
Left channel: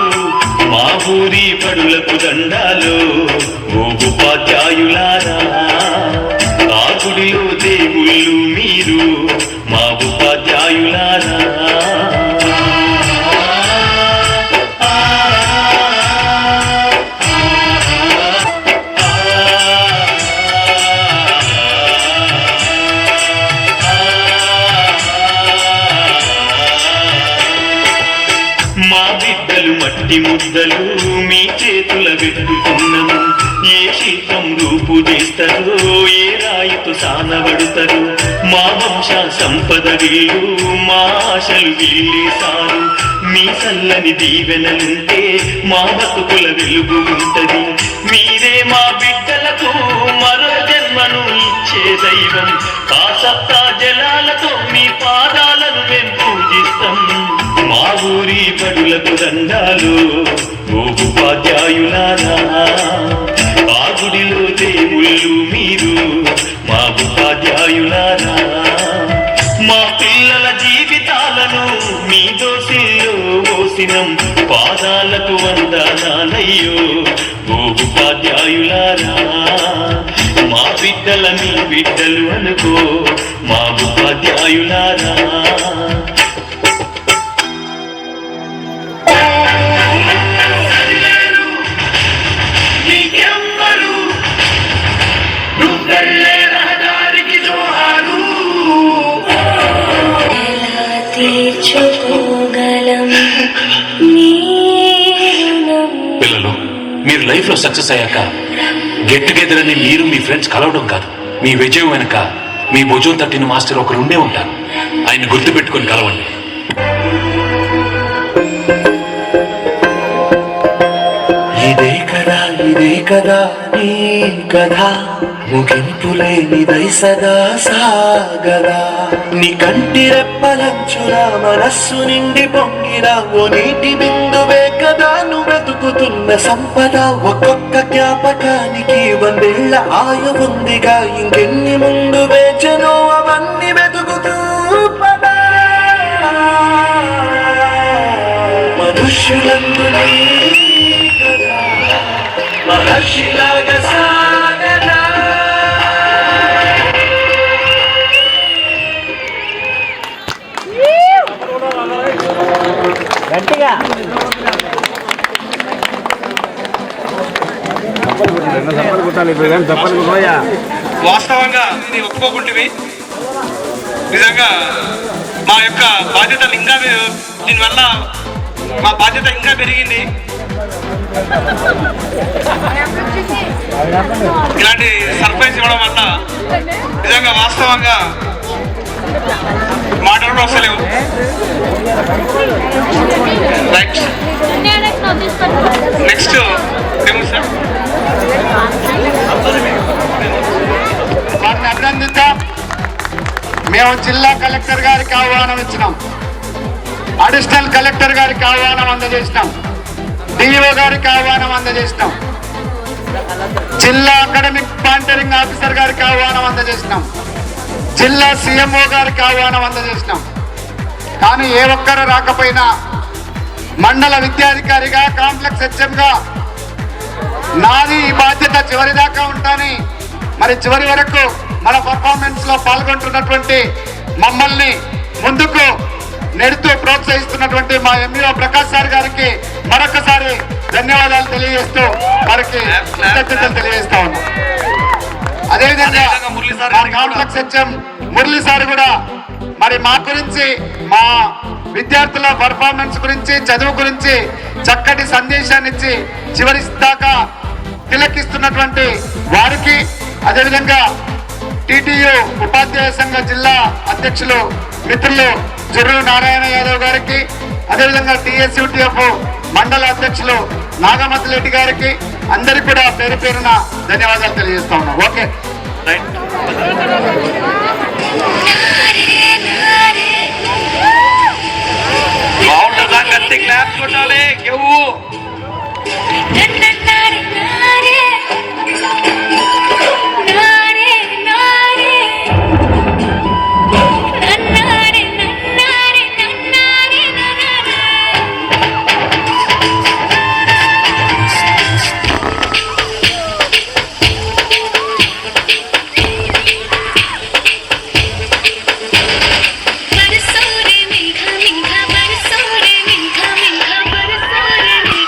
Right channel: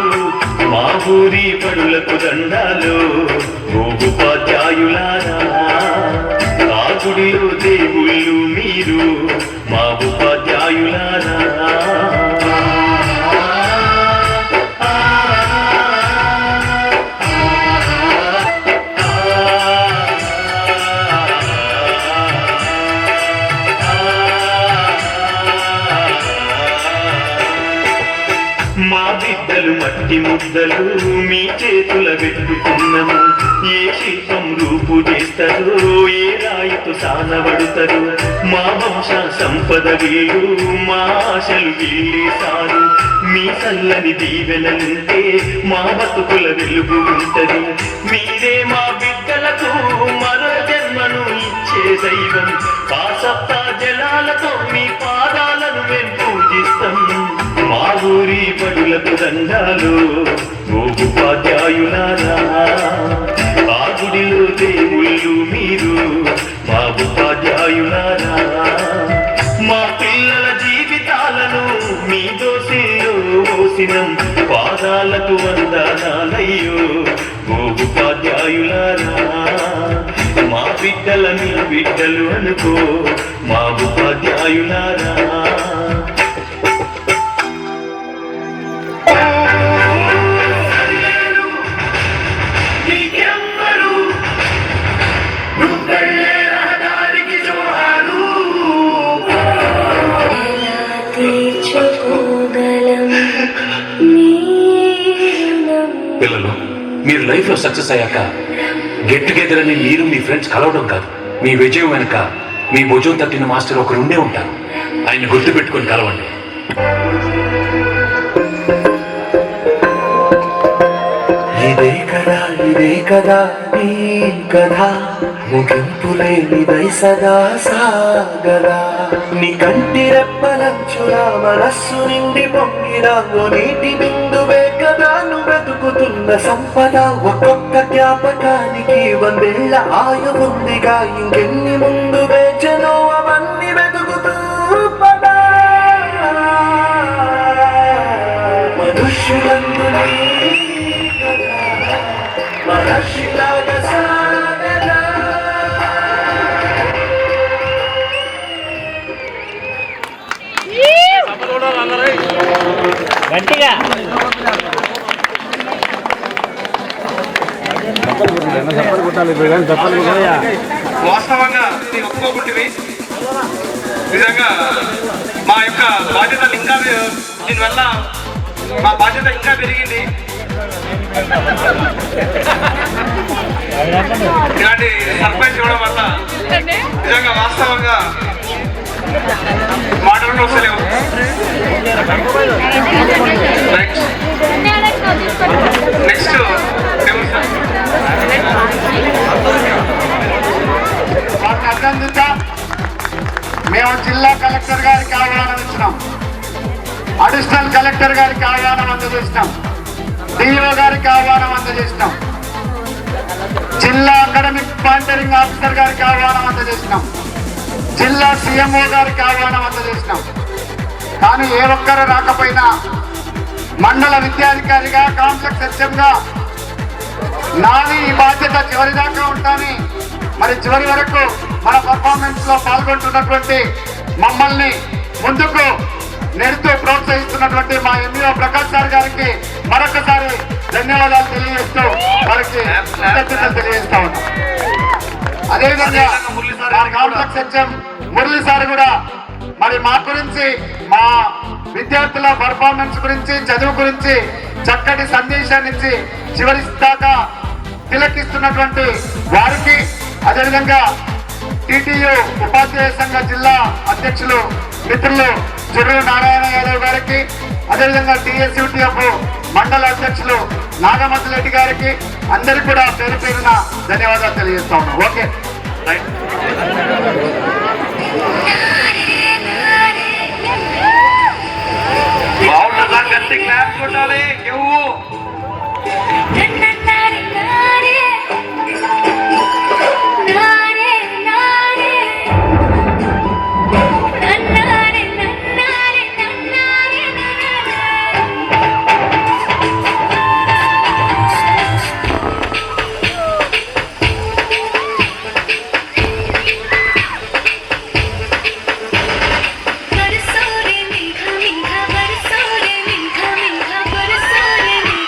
మా ఊరి బడులకు దండాలు ఓ ఉపాధ్యాయులారా, ఆ గుడిలో దేవుళ్ళు మీరు మా ఉపాధ్యాయులారా. మా బిడ్డలు మట్టి ముద్దలు మీ చేతుల వెతుకుతున్నాము. ఏ శిల్పం రూపు చేస్తారో, ఏ రాయితో సానబడతారు. మా వంశ సంపద వీళ్ళు, మా ఆశలు వీళ్ళేసారు. మీ చల్లని దీవెనలుంటే మా బతుకుల వెలుగు ఉంటది. మీరే మా బిడ్డలకు మరో జన్మను ఇచ్చే దైవం. ఆ సప్తా జలాలతో మీ పాదాలను మేము పూజిస్తాం. మా ఊరి బడులకు దండాలు ఓ ఉపాధ్యాయులారా, ఆ గుడిలో దేవుళ్ళు మీరు మా ఉపాధ్యాయులారా. మా పిల్లల జీవితాలను మీ దోసిలో మోసినం, పాదాలకు వందనాలయ్యో ఓ ఉపాధ్యాయులారా, మా బిడ్డల మీ బిడ్డలు అనుకో మా ఉపాధ్యాయులారా. పిల్లలు, మీరు లైఫ్ లో సక్సెస్ అయ్యాక గెట్ టుగెదర్ అని మీరు మీ ఫ్రెండ్స్ కలవడం కాదు, మీ విజయం వెనుక మీ భుజం తట్టిన మాస్టర్ ఒకరు ఉండే ఉంటారు. ఆయన గుర్తు పెట్టుకుని కలవండి. ఇదే కదా నీ కథ, ముగింపు లేనిదై సదా సాగదా. నీ కంటి రెప్పలంచున మనస్సు నిండి పొంగిన ఓ నీటి బిందువే కదా నువ్వు వెతుకుతున్న సంపద. ఒక్కొక్క జ్ఞాపకానికి 100 ఏళ్ల ఆయు ఉందిగా, ఇంకెన్ని ముందు వేచనో అవన్నీ వెతుకుతూ పదా. మనుష్యులందునే మహర్షిలాగా సాగదా. గట్టిగా వాస్తవంగా ఇది ఒప్పుకోకుంటుంది. నిజంగా మా యొక్క బాధ్యతలు ఇంకా దీనివల్ల మా బాధ్యత ఇంకా పెరిగింది. ఇలాంటి సర్ప్రైజ్ ఇవ్వడం వల్ల నిజంగా వాస్తవంగా మాటలు వస్తలేవు. నెక్స్ట్ వారిని అభినందించాం. మేము జిల్లా కలెక్టర్ గారికి ఆహ్వానం ఇచ్చినాం, అడిషనల్ కలెక్టర్ గారికి ఆహ్వానం అందజేసినాం, డిఓ గారికి ఆహ్వానం అందజేసినాం, జిల్లా అకాడమిక్ మానిటరింగ్ ఆఫీసర్ గారికి ఆహ్వానం అందజేసినాం, జిల్లా సిఎంఓ గారికి ఆహ్వానం అందజేసినాం. కానీ ఏ ఒక్కరు రాకపోయినా మండల విద్యాధికారిగా, కాంప్లెక్స్ హెచ్ఎంగా నాది ఈ బాధ్యత చివరి దాకా ఉంటాని, మరి చివరి వరకు మన పర్ఫార్మెన్స్ లో పాల్గొంటున్నటువంటి మమ్మల్ని ముందుకు నెడుతూ ప్రోత్సహిస్తున్నటువంటి మా ఎంఈఓ ప్రకాష్ సార్ గారికి మరొకసారి ధన్యవాదాలు తెలియజేస్తూ వారికి కృతజ్ఞతలు తెలియజేస్తా ఉన్నాం. అదేవిధంగా మా కాంప్లెక్స్ హెచ్ఎం మురళి సార్ కూడా మరి మా గురించి, మా విద్యార్థుల పర్ఫార్మెన్స్ గురించి, చదువు గురించి చక్కటి సందేశాన్ని ఇచ్చి చివరి దాకా తిలకిస్తున్నటువంటి వారికి, అదేవిధంగా టిటియు ఉపాధ్యాయ సంఘ జిల్లా అధ్యక్షులు మిత్రులు జుర్రు నారాయణ యాదవ్ గారికి, అదేవిధంగా టిఎస్యుటిఎఫ్ మండల అధ్యక్షులు నాగమతి రెడ్డి గారికి అందరికీ కూడా పేరు పేరున ధన్యవాదాలు తెలియజేస్తా ఉన్నాం. Okay right. గట్టి క్లాప్ కొట్టాలి. కెవ్వు बरसोरे मीठा मीठा बरसोरे मीठा मीठा बरसोरे मीठा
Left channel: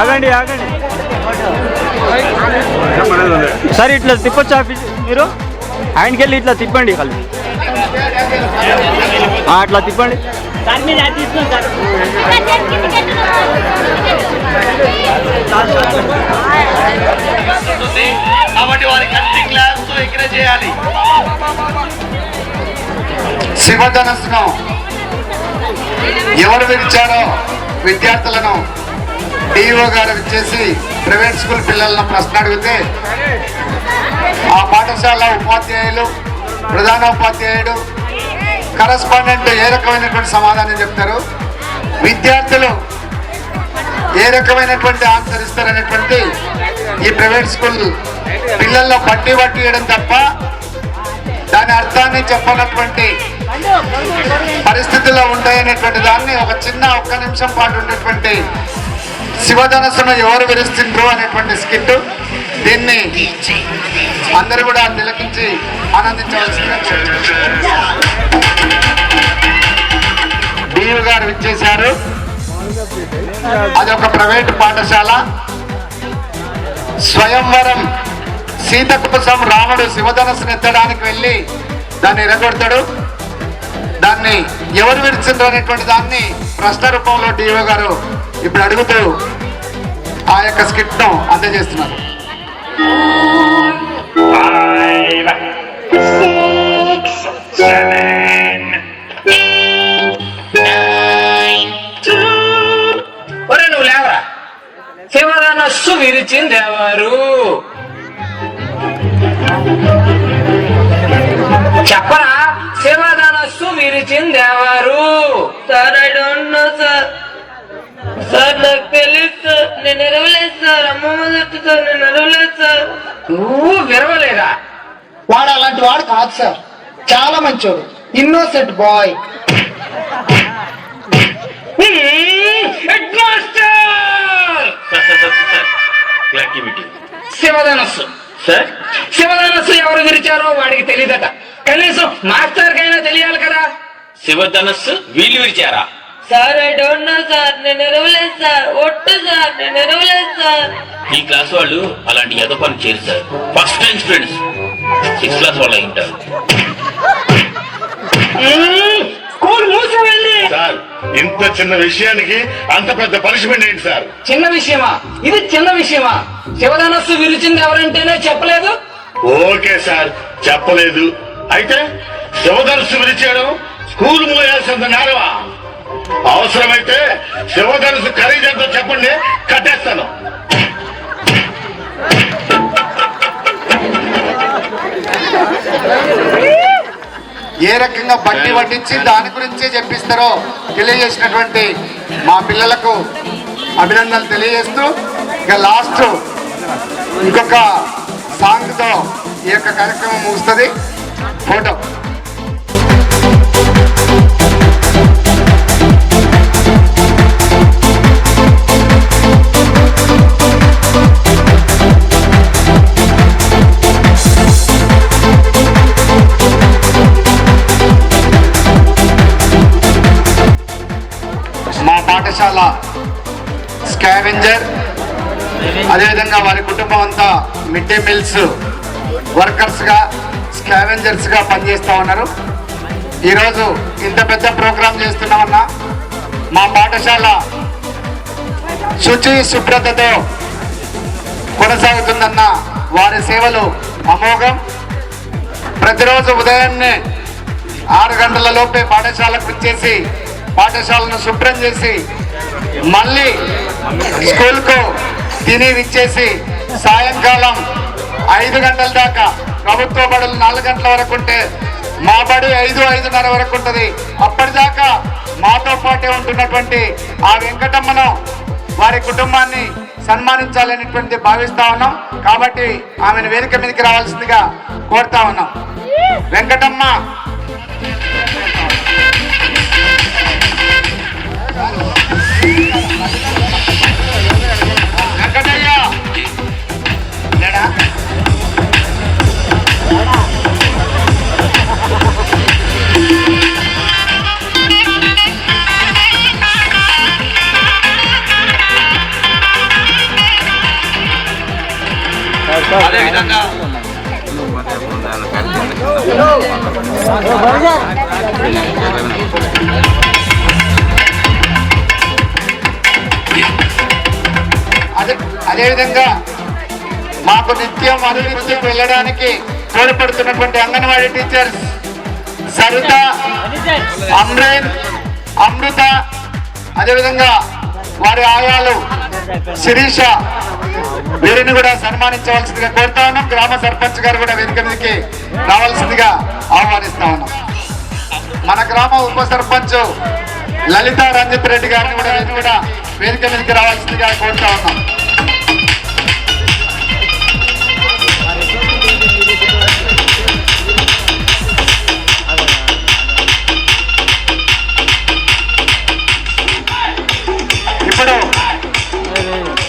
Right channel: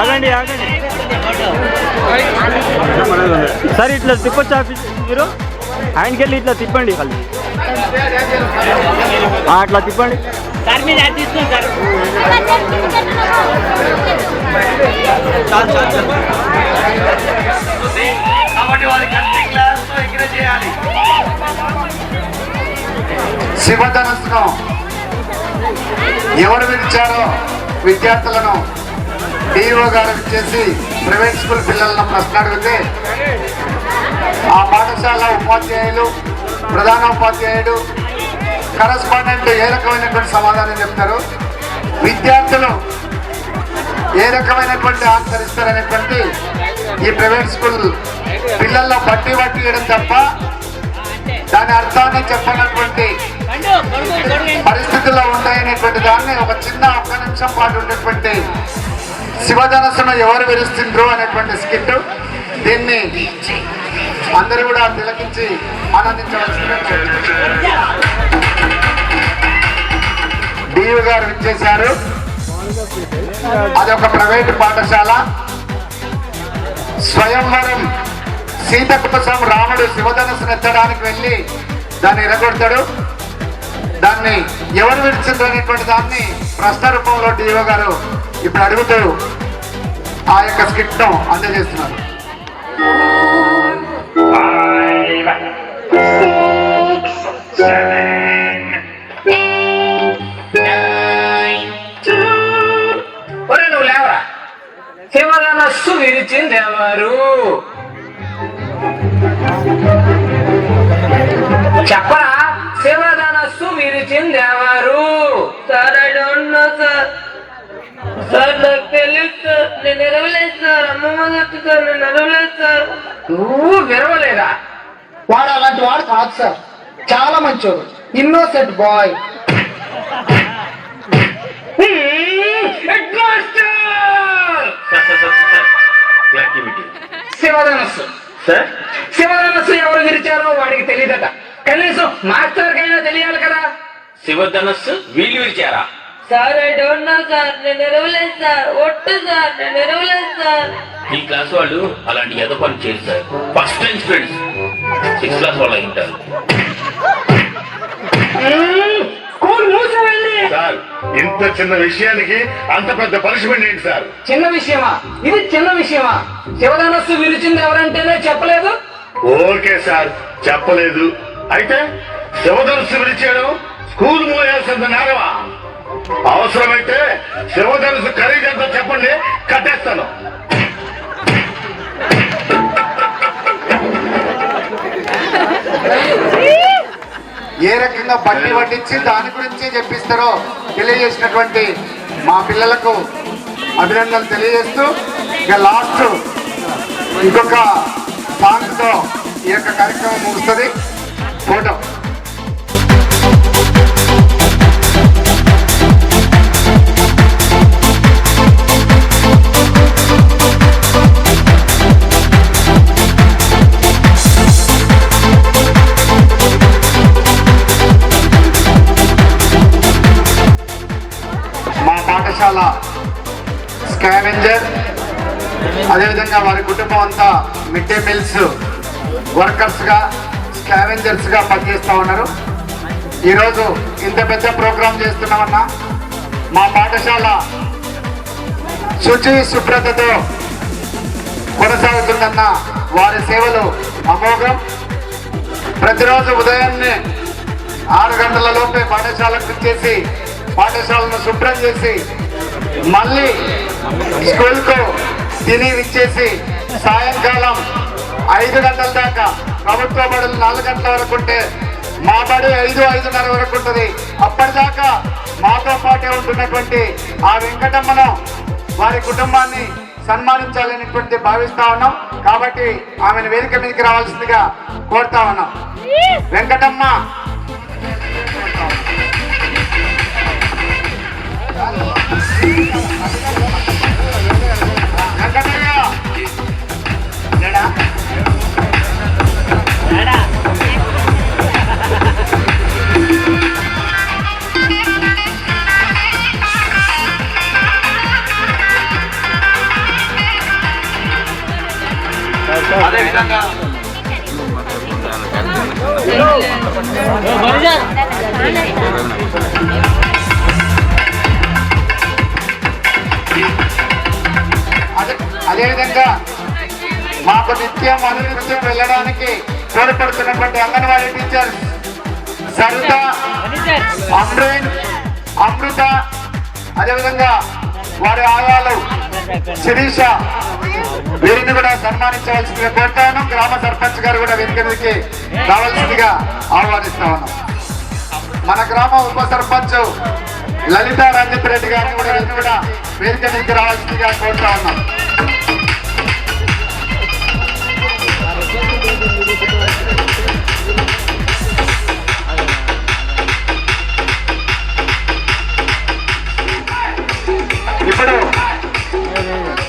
ఆగండి ఆగండి సార్ ఇట్లా తిప్పొచ్చు ఆఫీస్ మీరు ఆయనకి వెళ్ళి ఇట్లా తిప్పండి వాళ్ళు అట్లా తిప్పండి సార్ మీరు అది తీసుకోండి కాబట్టి వారి కటింగ్ క్లాస్ ఇక్కడ చేయాలి. శివధనస్సును ఎవరు విడిచారో విద్యార్థులను డిఓ గారు ఇచ్చేసి ప్రైవేట్ స్కూల్ పిల్లలను ప్రశ్న అడిగితే ఆ పాఠశాల ఉపాధ్యాయులు, ప్రధాన ఉపాధ్యాయుడు, కరస్పాండెంట్ ఏ రకమైనటువంటి సమాధానం చెప్తారు, విద్యార్థులు ఏ రకమైనటువంటి ఆన్సర్ ఇస్తారనేటువంటి ఈ ప్రైవేట్ స్కూల్ పిల్లల్లో బట్టి వేయడం తప్ప దాని అర్థాన్ని చెప్పనటువంటి పరిస్థితుల్లో ఉంటాయనేటువంటి దాన్ని ఒక్క నిమిషం పాటు ఉన్నటువంటి శివధనస్సును ఎవరు విరుస్తుండ్రు అనేటువంటి స్కిట్. దీన్ని అందరూ కూడా తిలకించి ఆనందించవలసిందిగా డియు గారు ఇచ్చేశారు. అది ఒక ప్రైవేట్ పాఠశాల. స్వయంవరం సీత కోసం రాముడు శివధనస్సును ఎత్తడానికి వెళ్ళి దాన్ని ఎరగొడతాడు. దాన్ని ఎవరు విడిచిండ్రు అనేటువంటి దాన్ని ప్రశ్న రూపంలో డిఓ గారు ఇప్పుడు అడుగుతూ ఆ యొక్క స్కిట్ ను అందజేస్తున్నారు. నువ్వు లేవరా, శివధనస్సు విరిచింది ఎవరు చెప్పరా? శివధనస్సు విరిచింది ఎవరు? Sir I don't know sir. Sir నాకు తెలియదు సార్, నేను ఎరవలేదు సార్. అమ్మమ్మ చెప్తే సార్ నేను ఎరవలేదు సార్. నువ్వు విరవలేదా? వాడు అలాంటి వాడు కాదు సార్, చాలా మంచోడు, ఇన్నోసెంట్ బాయ్. శివధనస్సు సార్, శివధనస్సు ఎవరు విరిచారో వాడికి తెలియదట. కనీసం మాస్టర్ కైనా తెలియాలి కదా. శివధనస్సు వీళ్ళు విరిచారా? Sir I don't know sir, నేను ఎరవలేదు సార్. ఒట్టు సార్, నేను ఎరవలేదు సార్. ఈ క్లాస్ వాళ్ళు అలాంటి ఎద పని చేయరు sir. First time students 6th class వాళ్ళు అయి ఉంటారు. స్కూల్ మూసి వెళ్ళి సార్, ఇంత చిన్న విషయానికి అంత పెద్ద పనిష్మెంట్ ఏంటి సార్? చిన్న విషయమా ఇది? చిన్న విషయమా? శివధనస్సు విరిచింది ఎవరంటేనే చెప్పలేదు. ఓకే సార్, చెప్పలేదు. అయితే శివధనస్సు విరిచేయడం స్కూల్ మూసేంత నేరమా? అవసరమైతే శివధనస్సు ఖరీదంతా చెప్పండి, కట్టేస్తాను. ఏ రకంగా బట్టి పట్టించి దాని గురించి చెప్పిస్తారో తెలియజేసినటువంటి మా పిల్లలకు అభినందనలు తెలియజేస్తూ ఇక లాస్ట్ ఇంకొక సాంగ్తో ఈ యొక్క కార్యక్రమం ముగుస్తుంది. ఫోటో పాఠశాల స్కావెంజర్, అదేవిధంగా వారి కుటుంబం అంతా మిడ్ డే మీల్స్ వర్కర్స్ గా, స్కావెంజర్స్ గా పనిచేస్తా ఉన్నారు. ఈరోజు ఇంత పెద్ద ప్రోగ్రాం చేస్తున్నామన్నా మా పాఠశాల శుచి శుభ్రతతో కొనసాగుతుందన్న వారి సేవలు అమోఘం. ప్రతిరోజు ఉదయాన్నే 6 గంటల లోపే పాఠశాలకు ఇచ్చేసి పాఠశాలను శుభ్రం చేసి మళ్ళీ స్కూల్కు తిని ఇచ్చేసి సాయంకాలం 5 గంటల దాకా ప్రభుత్వ బడులు 4 గంటల వరకు ఉంటే మా బడి 5-5:30 వరకు ఉంటుంది. అప్పటిదాకా మాతో పాటే ఉంటున్నటువంటి ఆ వెంకటమ్మను వారి కుటుంబాన్ని సన్మానించాలనేటువంటి భావిస్తా ఉన్నాం. కాబట్టి ఆమెను వేదిక మీదకి రావాల్సిందిగా కోరుతా ఉన్నాం. వెంకటమ్మ వెంకటయ్య అదేవిధంగా అదేవిధంగా మాకు నిత్యం అనునిత్యం వెళ్ళడానికి తోడ్పడుతున్నటువంటి అంగన్వాడీ టీచర్స్ సరిత, అమ్రేన్, అమృత, అదేవిధంగా వారి ఆయాలు శిరీష, వీరిని కూడా సన్మానించవలసిందిగా కోరుతా ఉన్నాం. గ్రామ సర్పంచ్ గారు కూడా వేదిక మీదకి రావాల్సిందిగా ఆహ్వానిస్తా ఉన్నాం. మన గ్రామ ఉప సర్పంచ్ లలిత రంజిత్ రెడ్డి గారిని కూడా వేదిక మీదకి రావాల్సిందిగా కోరుతా ఉన్నాం.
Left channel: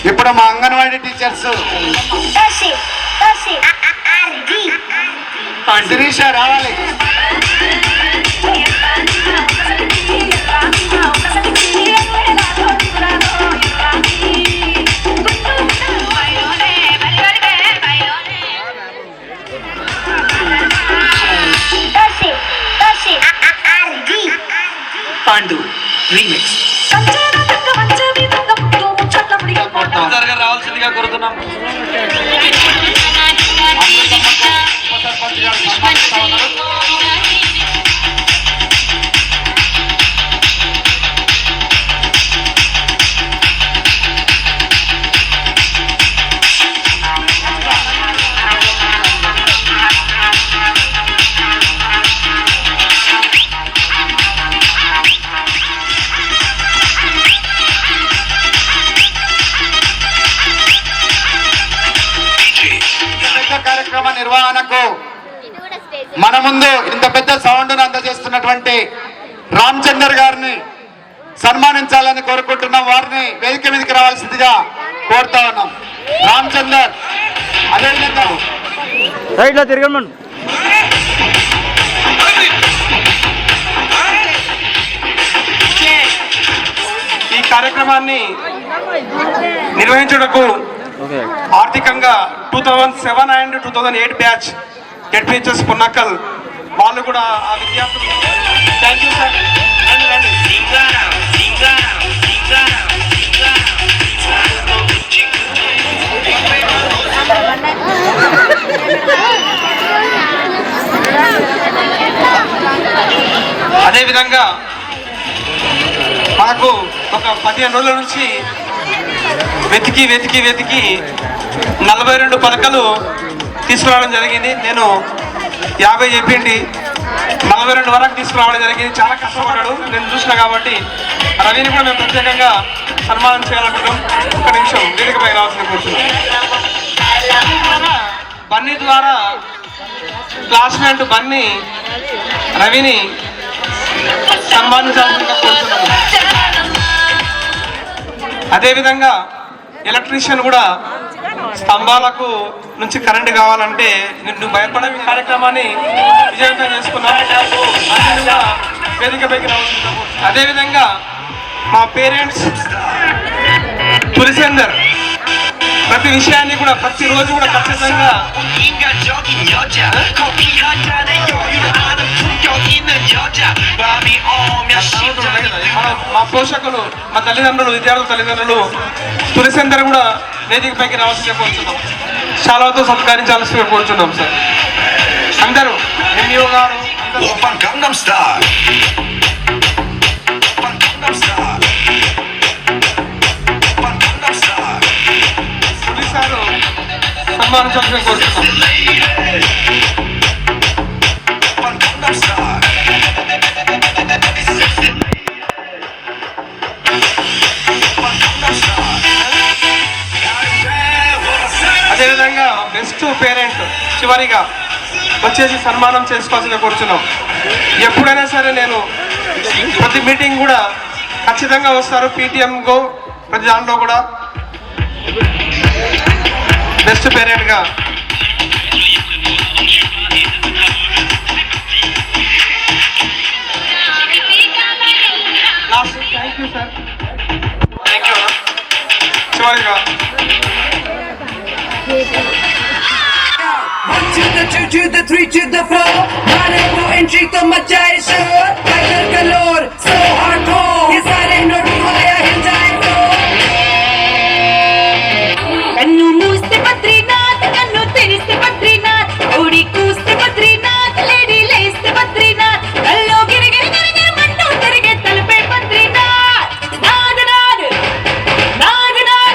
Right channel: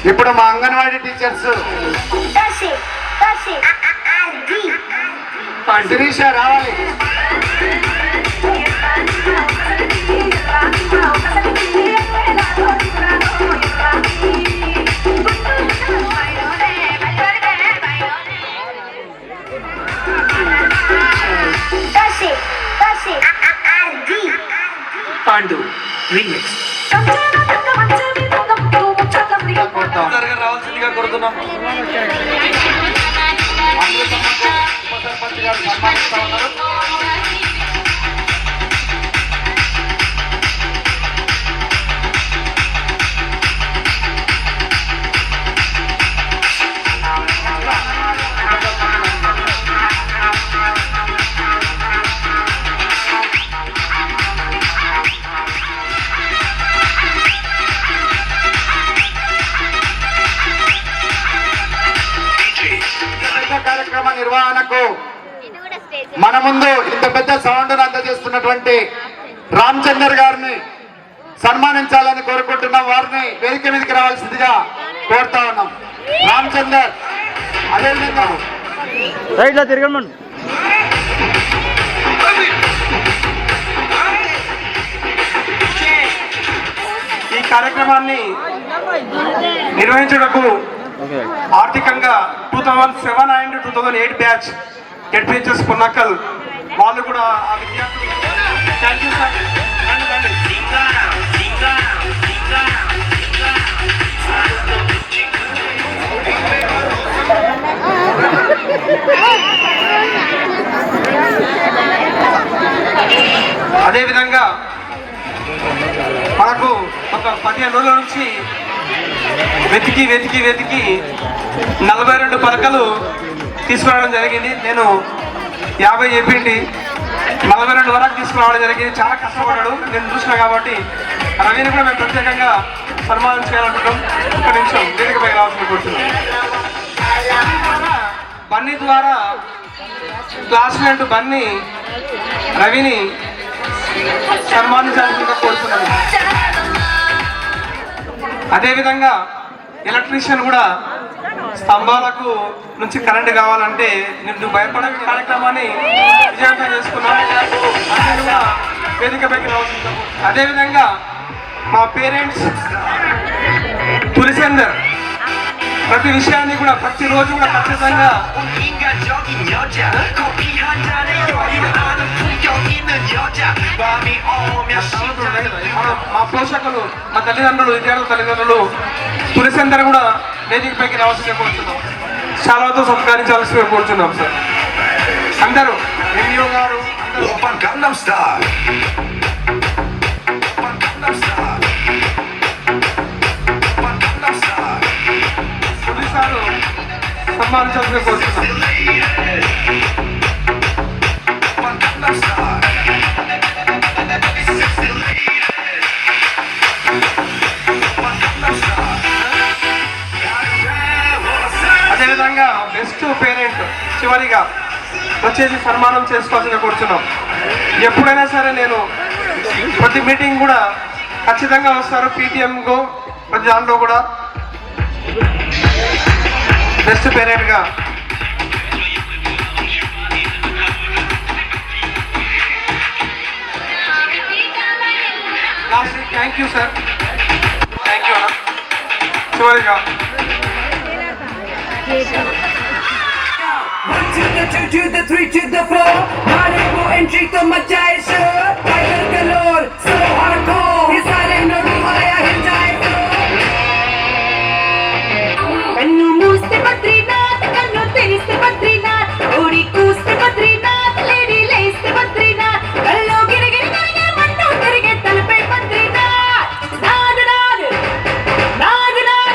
ఇప్పుడు మా అంగన్వాడీ టీచర్స్ శిరీష రావాలి. పాండు రీమిక్స్ రావాల్సిందిగా కోరుతున్నాం. కార్యక్రమ నిర్వహణకు మన ముందు ఇంత పెద్ద సౌండ్ అందజేస్తున్నటువంటి రామచందర్ గారిని సన్మానించాలని కోరుకుంటున్నాం. వారిని వేదిక మీదకి రావాల్సిందిగా కోరుతా ఉన్నాం. రామచందర్, అదేవిధంగా రైట్లో తిరగండి. ఈ కార్యక్రమాన్ని నిర్వహించుటకు ఆర్థికంగా 2007 అండ్ 2008 బ్యాచ్ జెడ్పీహెచ్ఎస్ పున్నక్కల్ వాళ్ళు కూడా ఆ విద్యార్థులు థ్యాంక్ యూ సార్. అదేవిధంగా మనకు ఒక 15 రోజుల నుంచి వెతికి 42 పలకలు తీసుకురావడం జరిగింది. నేను 50 చెప్పింది 42 వరకు తీసుకురావడం జరిగింది. చాలా కష్టపడ్డాడు, నేను చూసిన కాబట్టి రవిని కూడా మేము ప్రత్యేకంగా సన్మానం చేయాలనుకుంటాం. ఒక్క నిమిషం వేదికపై రావాల్సిన కూర్చున్నాం. బన్నీ ద్వారా క్లాస్మేట్ బన్నీ రవిని సన్మానించాల్సిందిగా కోరుతున్నాను. అదేవిధంగా ఎలక్ట్రీషియన్ కూడా స్తంభాలకు నుంచి కరెంట్ కావాలంటే నువ్వు భయపడే కార్యక్రమాన్ని విజయవంతం చేసుకున్నాను. వేదికపైకి రావాల్సింది. అదేవిధంగా మా పేరెంట్స్ తులసేందర్ ప్రతి విషయాన్ని కూడా ప్రతిరోజు కూడా ఖచ్చితంగా మా పోషకులు, మా తల్లిదండ్రులు, విద్యార్థుల తల్లిదండ్రులు తులసిందరూ కూడా వేదిక పైకి రావాల్సిందే కోరుతున్నాం. శాలతో సత్కరించాల్సిందే కోరుతున్నాం సార్. అందరూ ఎంఈఓ గారు పోలీసారు సన్మానించాల్సిందే కోరుతున్నాం. అదేవిధంగా బెస్ట్ పేరెంట్ చివరిగా వచ్చేసి సన్మానం చేసుకోవాల్సిందిగా కోరుచున్నాం. ఎప్పుడైనా సరే నేను ప్రతి మీటింగ్ కూడా ఖచ్చితంగా వస్తారు. పీటీఎంగో ప్రతి దాంట్లో కూడా బెస్ట్ పేరెంట్గా last thank you sir. Thank you. చివరిగా To the 2 to the 3 to the 4 Hare ko entry to machai shor Tiger galore so hardcore Ye sare nodu aaya hill jaye కన్ను మూస్తే బద్రీనాథ్, కన్ను తెరిస్తే బద్రీనాథ్, ఓడి కూస్తే బద్రీనాథ్, లేడీ లేస్తే బద్రీనాథ్, కల్లో గిరిగిరి గిరిగిరి మంటూ తిరిగే తలపై బద్రీనాథ్. నాద్ నాద్ నాద్ నాద్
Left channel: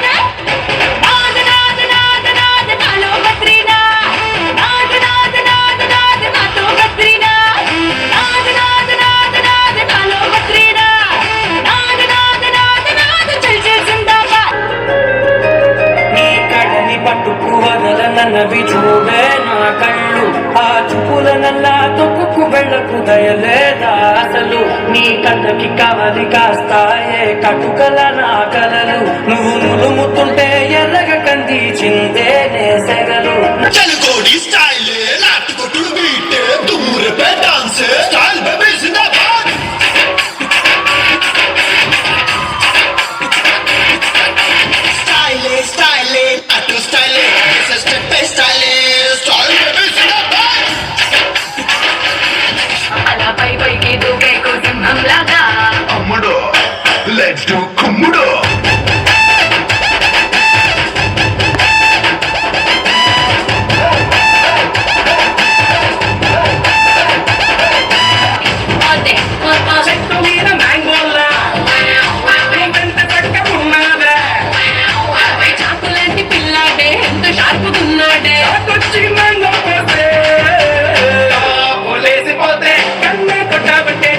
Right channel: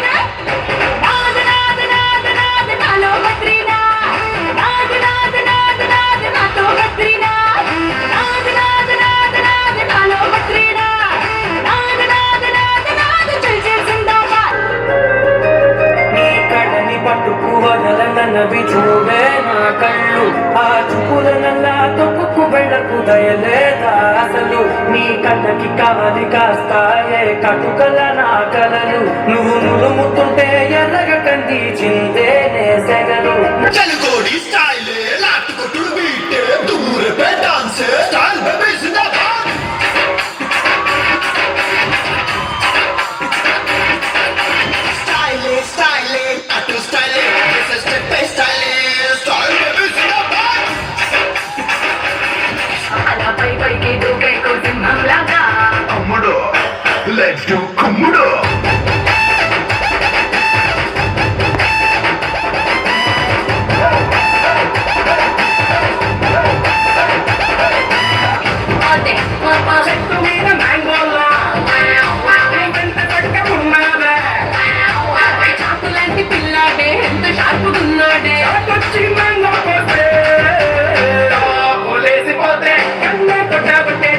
నాద్ నాద్ నాద్ నాద్ నాలో బద్రీనాథ్. నాద్ నాద్ నాద్ నాద్ నాతో బద్రీనాథ్. నాద్ నాద్ నాద్ నాద్ నాలో బద్రీనాథ్. నాద్ నాద్ నాద్ నాద్ చల్ చల్ జిందాబాద్. నీ కడని పట్టుకు వదలనవి చూడే నా కళ్ళు ఆ చూపుల నల్లా తొక్కుకు వెళ్ళకు దయలేదా అసలు నీ కళ్ళకి కవలి కాస్తాయే కటుకల నా కలలు నువ్వు నులుముతుంటే ఎర్రగ కంది చిందేనే సెగలు అలా పై పైకి దూకేకు సింహంలాగా అమ్ముడు లెట్స్ డు కమ్ముడు అదే చెట్టు మీద మ్యాంగోలా ఎంత పట్టకున్నాడే చాకు లాంటి పిల్లాడే ఎంత షార్పుకున్నాడే కొచ్చి మ్యాంగో పోతే లేసిపోతే కన్నే కొట్టబట్టే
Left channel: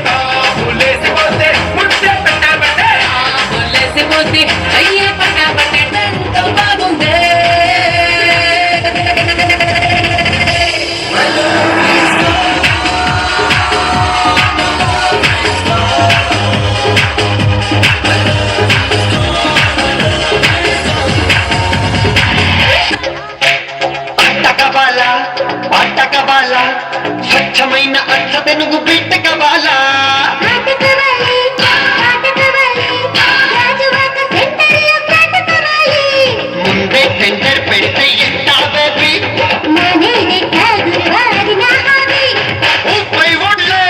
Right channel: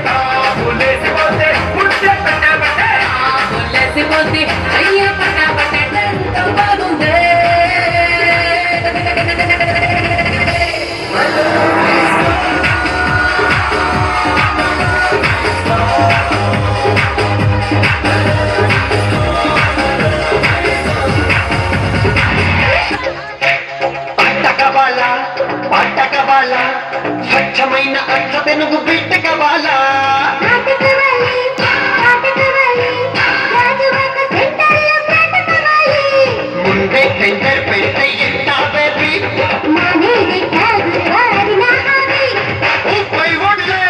లేసిపోతే ముట్టే పెట్టబట్టే లేసిపోతే అయ్యే పట్టబట్టే ఎంతో బాగుందే. పట్టకబాల స్వచ్ఛమైన అట్ల తెనుగు బిట్టకబాల ముందే సెంటర్ పెడితే ఎట్టా బేబీ ముప్పై ఓట్లే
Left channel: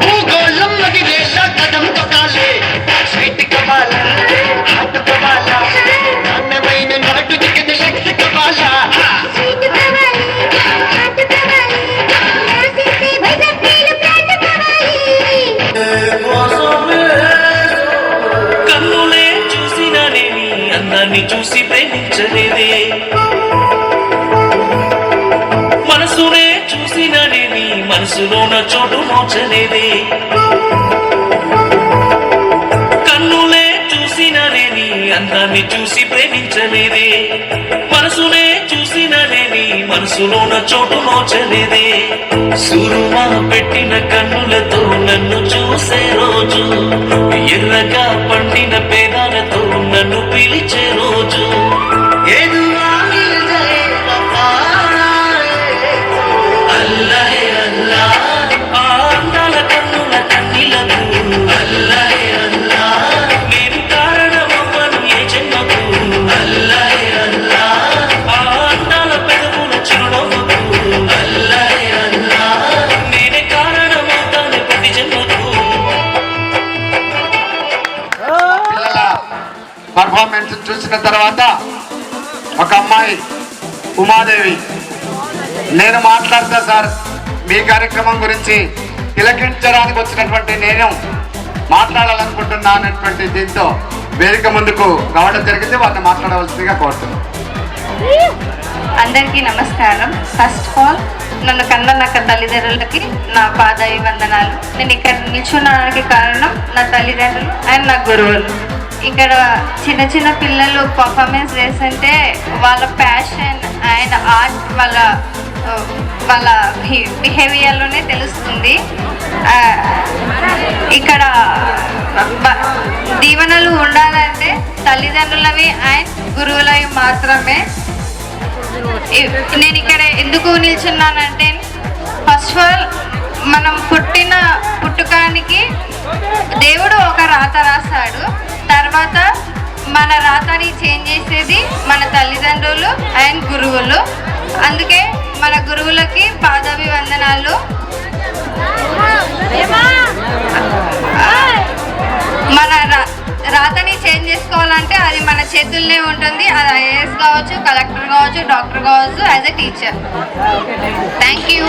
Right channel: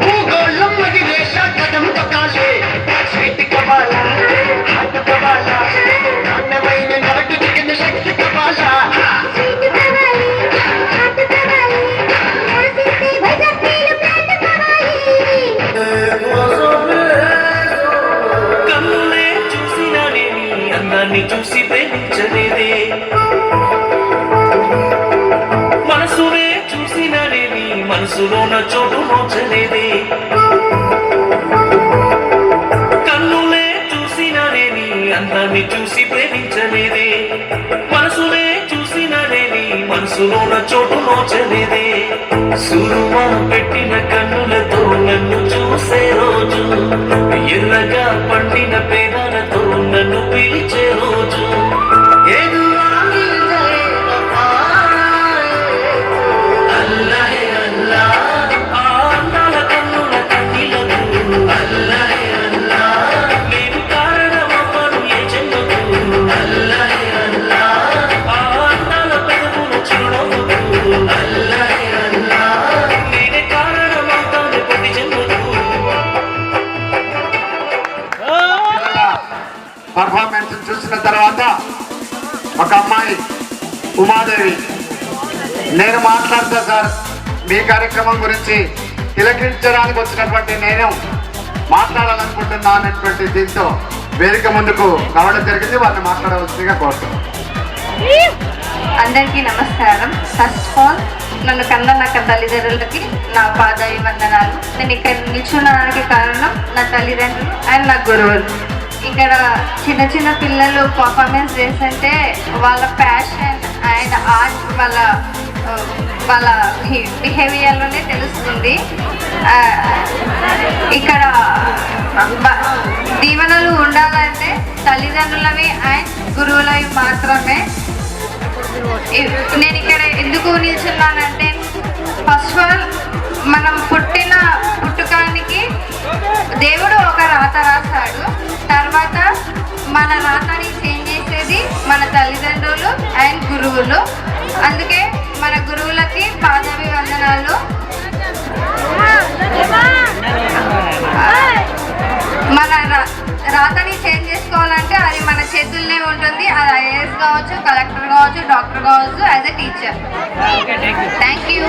భూగోళం మగిలేలా కదం తొక్కాలే స్వీట్ కబాల హాట్ కబాల నాణ్యమైన నాటు చికెన్ శక్తి కబాల కన్నులే చూసిననేవి అందాన్ని చూసి ప్రేమించలేదే మనసునే చూసిననేవి మనసులోన చోటు మోచలేదే కన్నులే చూసిననేవి అందాన్ని చూసి ప్రేమించలేదే మనసునే చూసిననేవి మనసులోన చోటు మోచలేదే సురుమా పెట్టిన కన్నులతో నన్ను చూసే రోజు ఎర్రగా పండిన పేదలతో నన్ను పిలిచే రోజు అల్లాహే అల్లా ఆ అందాల కన్నుల కన్నీలకు అల్లాహే అల్లా నేను కారణమవ్వను ఏ జన్మకు అల్లాహే అల్లా ఆ అందాల పెదవుల చిరునవ్వుకు అల్లాహే అల్లా పర్ఫార్మెన్స్ చూసిన తర్వాత ఒక అమ్మాయి ఉమాదేవి, నేను మాట్లాడతా సార్ మీ కార్యక్రమం గురించి తిలకించడానికి వచ్చినటువంటి నేను మాట్లాడాలనుకుంటున్నా అనేటువంటి దీంతో వేదిక ముందుకు రావడం జరిగింది. వాళ్ళని మాట్లాడవలసిందిగా కోరుతున్నాను. అందరికీ నమస్కారం. ఫస్ట్ ఆఫ్ ఆల్ నన్ను కన్న నా తల్లిదండ్రులకి నా పాదాయి వందనాలు. నేను ఇక్కడ నిల్చున్నానికి కారణం నా తల్లిదండ్రులు అండ్ నా గురువులు. ఇక్కడ చిన్న చిన్న పిల్లలు పర్ఫార్మెన్స్ చేస్తుంటే వాళ్ళ ప్యాషన్ అండ్ ఆర్ట్ వాళ్ళ బిహేవియర్లోనే తెలుస్తుంది. ఇక్కడ దీవెనలు ఉండాలంటే తల్లిదండ్రులవి అండ్ గురువులవి మాత్రమే. నేను ఇక్కడ ఎందుకు నిల్చున్నానంటే ఫస్ట్ ఆఫ్ ఆల్ మనం పుట్టుకానికి దేవుడు ఒక రాత రాస్తాడు. తర్వాత మన రాతని చేంజ్ చేసేది మన తల్లిదండ్రులు అండ్ గురువులు. అందుకే మన గురువులకి పాదాభివందనాలు. మన రాతని చేంజ్ చేసుకోవాలంటే అది మన చేతుల్లోనే ఉంటుంది. అది ఐఏఎస్ కావచ్చు, కలెక్టర్ కావచ్చు, డాక్టర్ కావచ్చు, as a teacher. Thank you.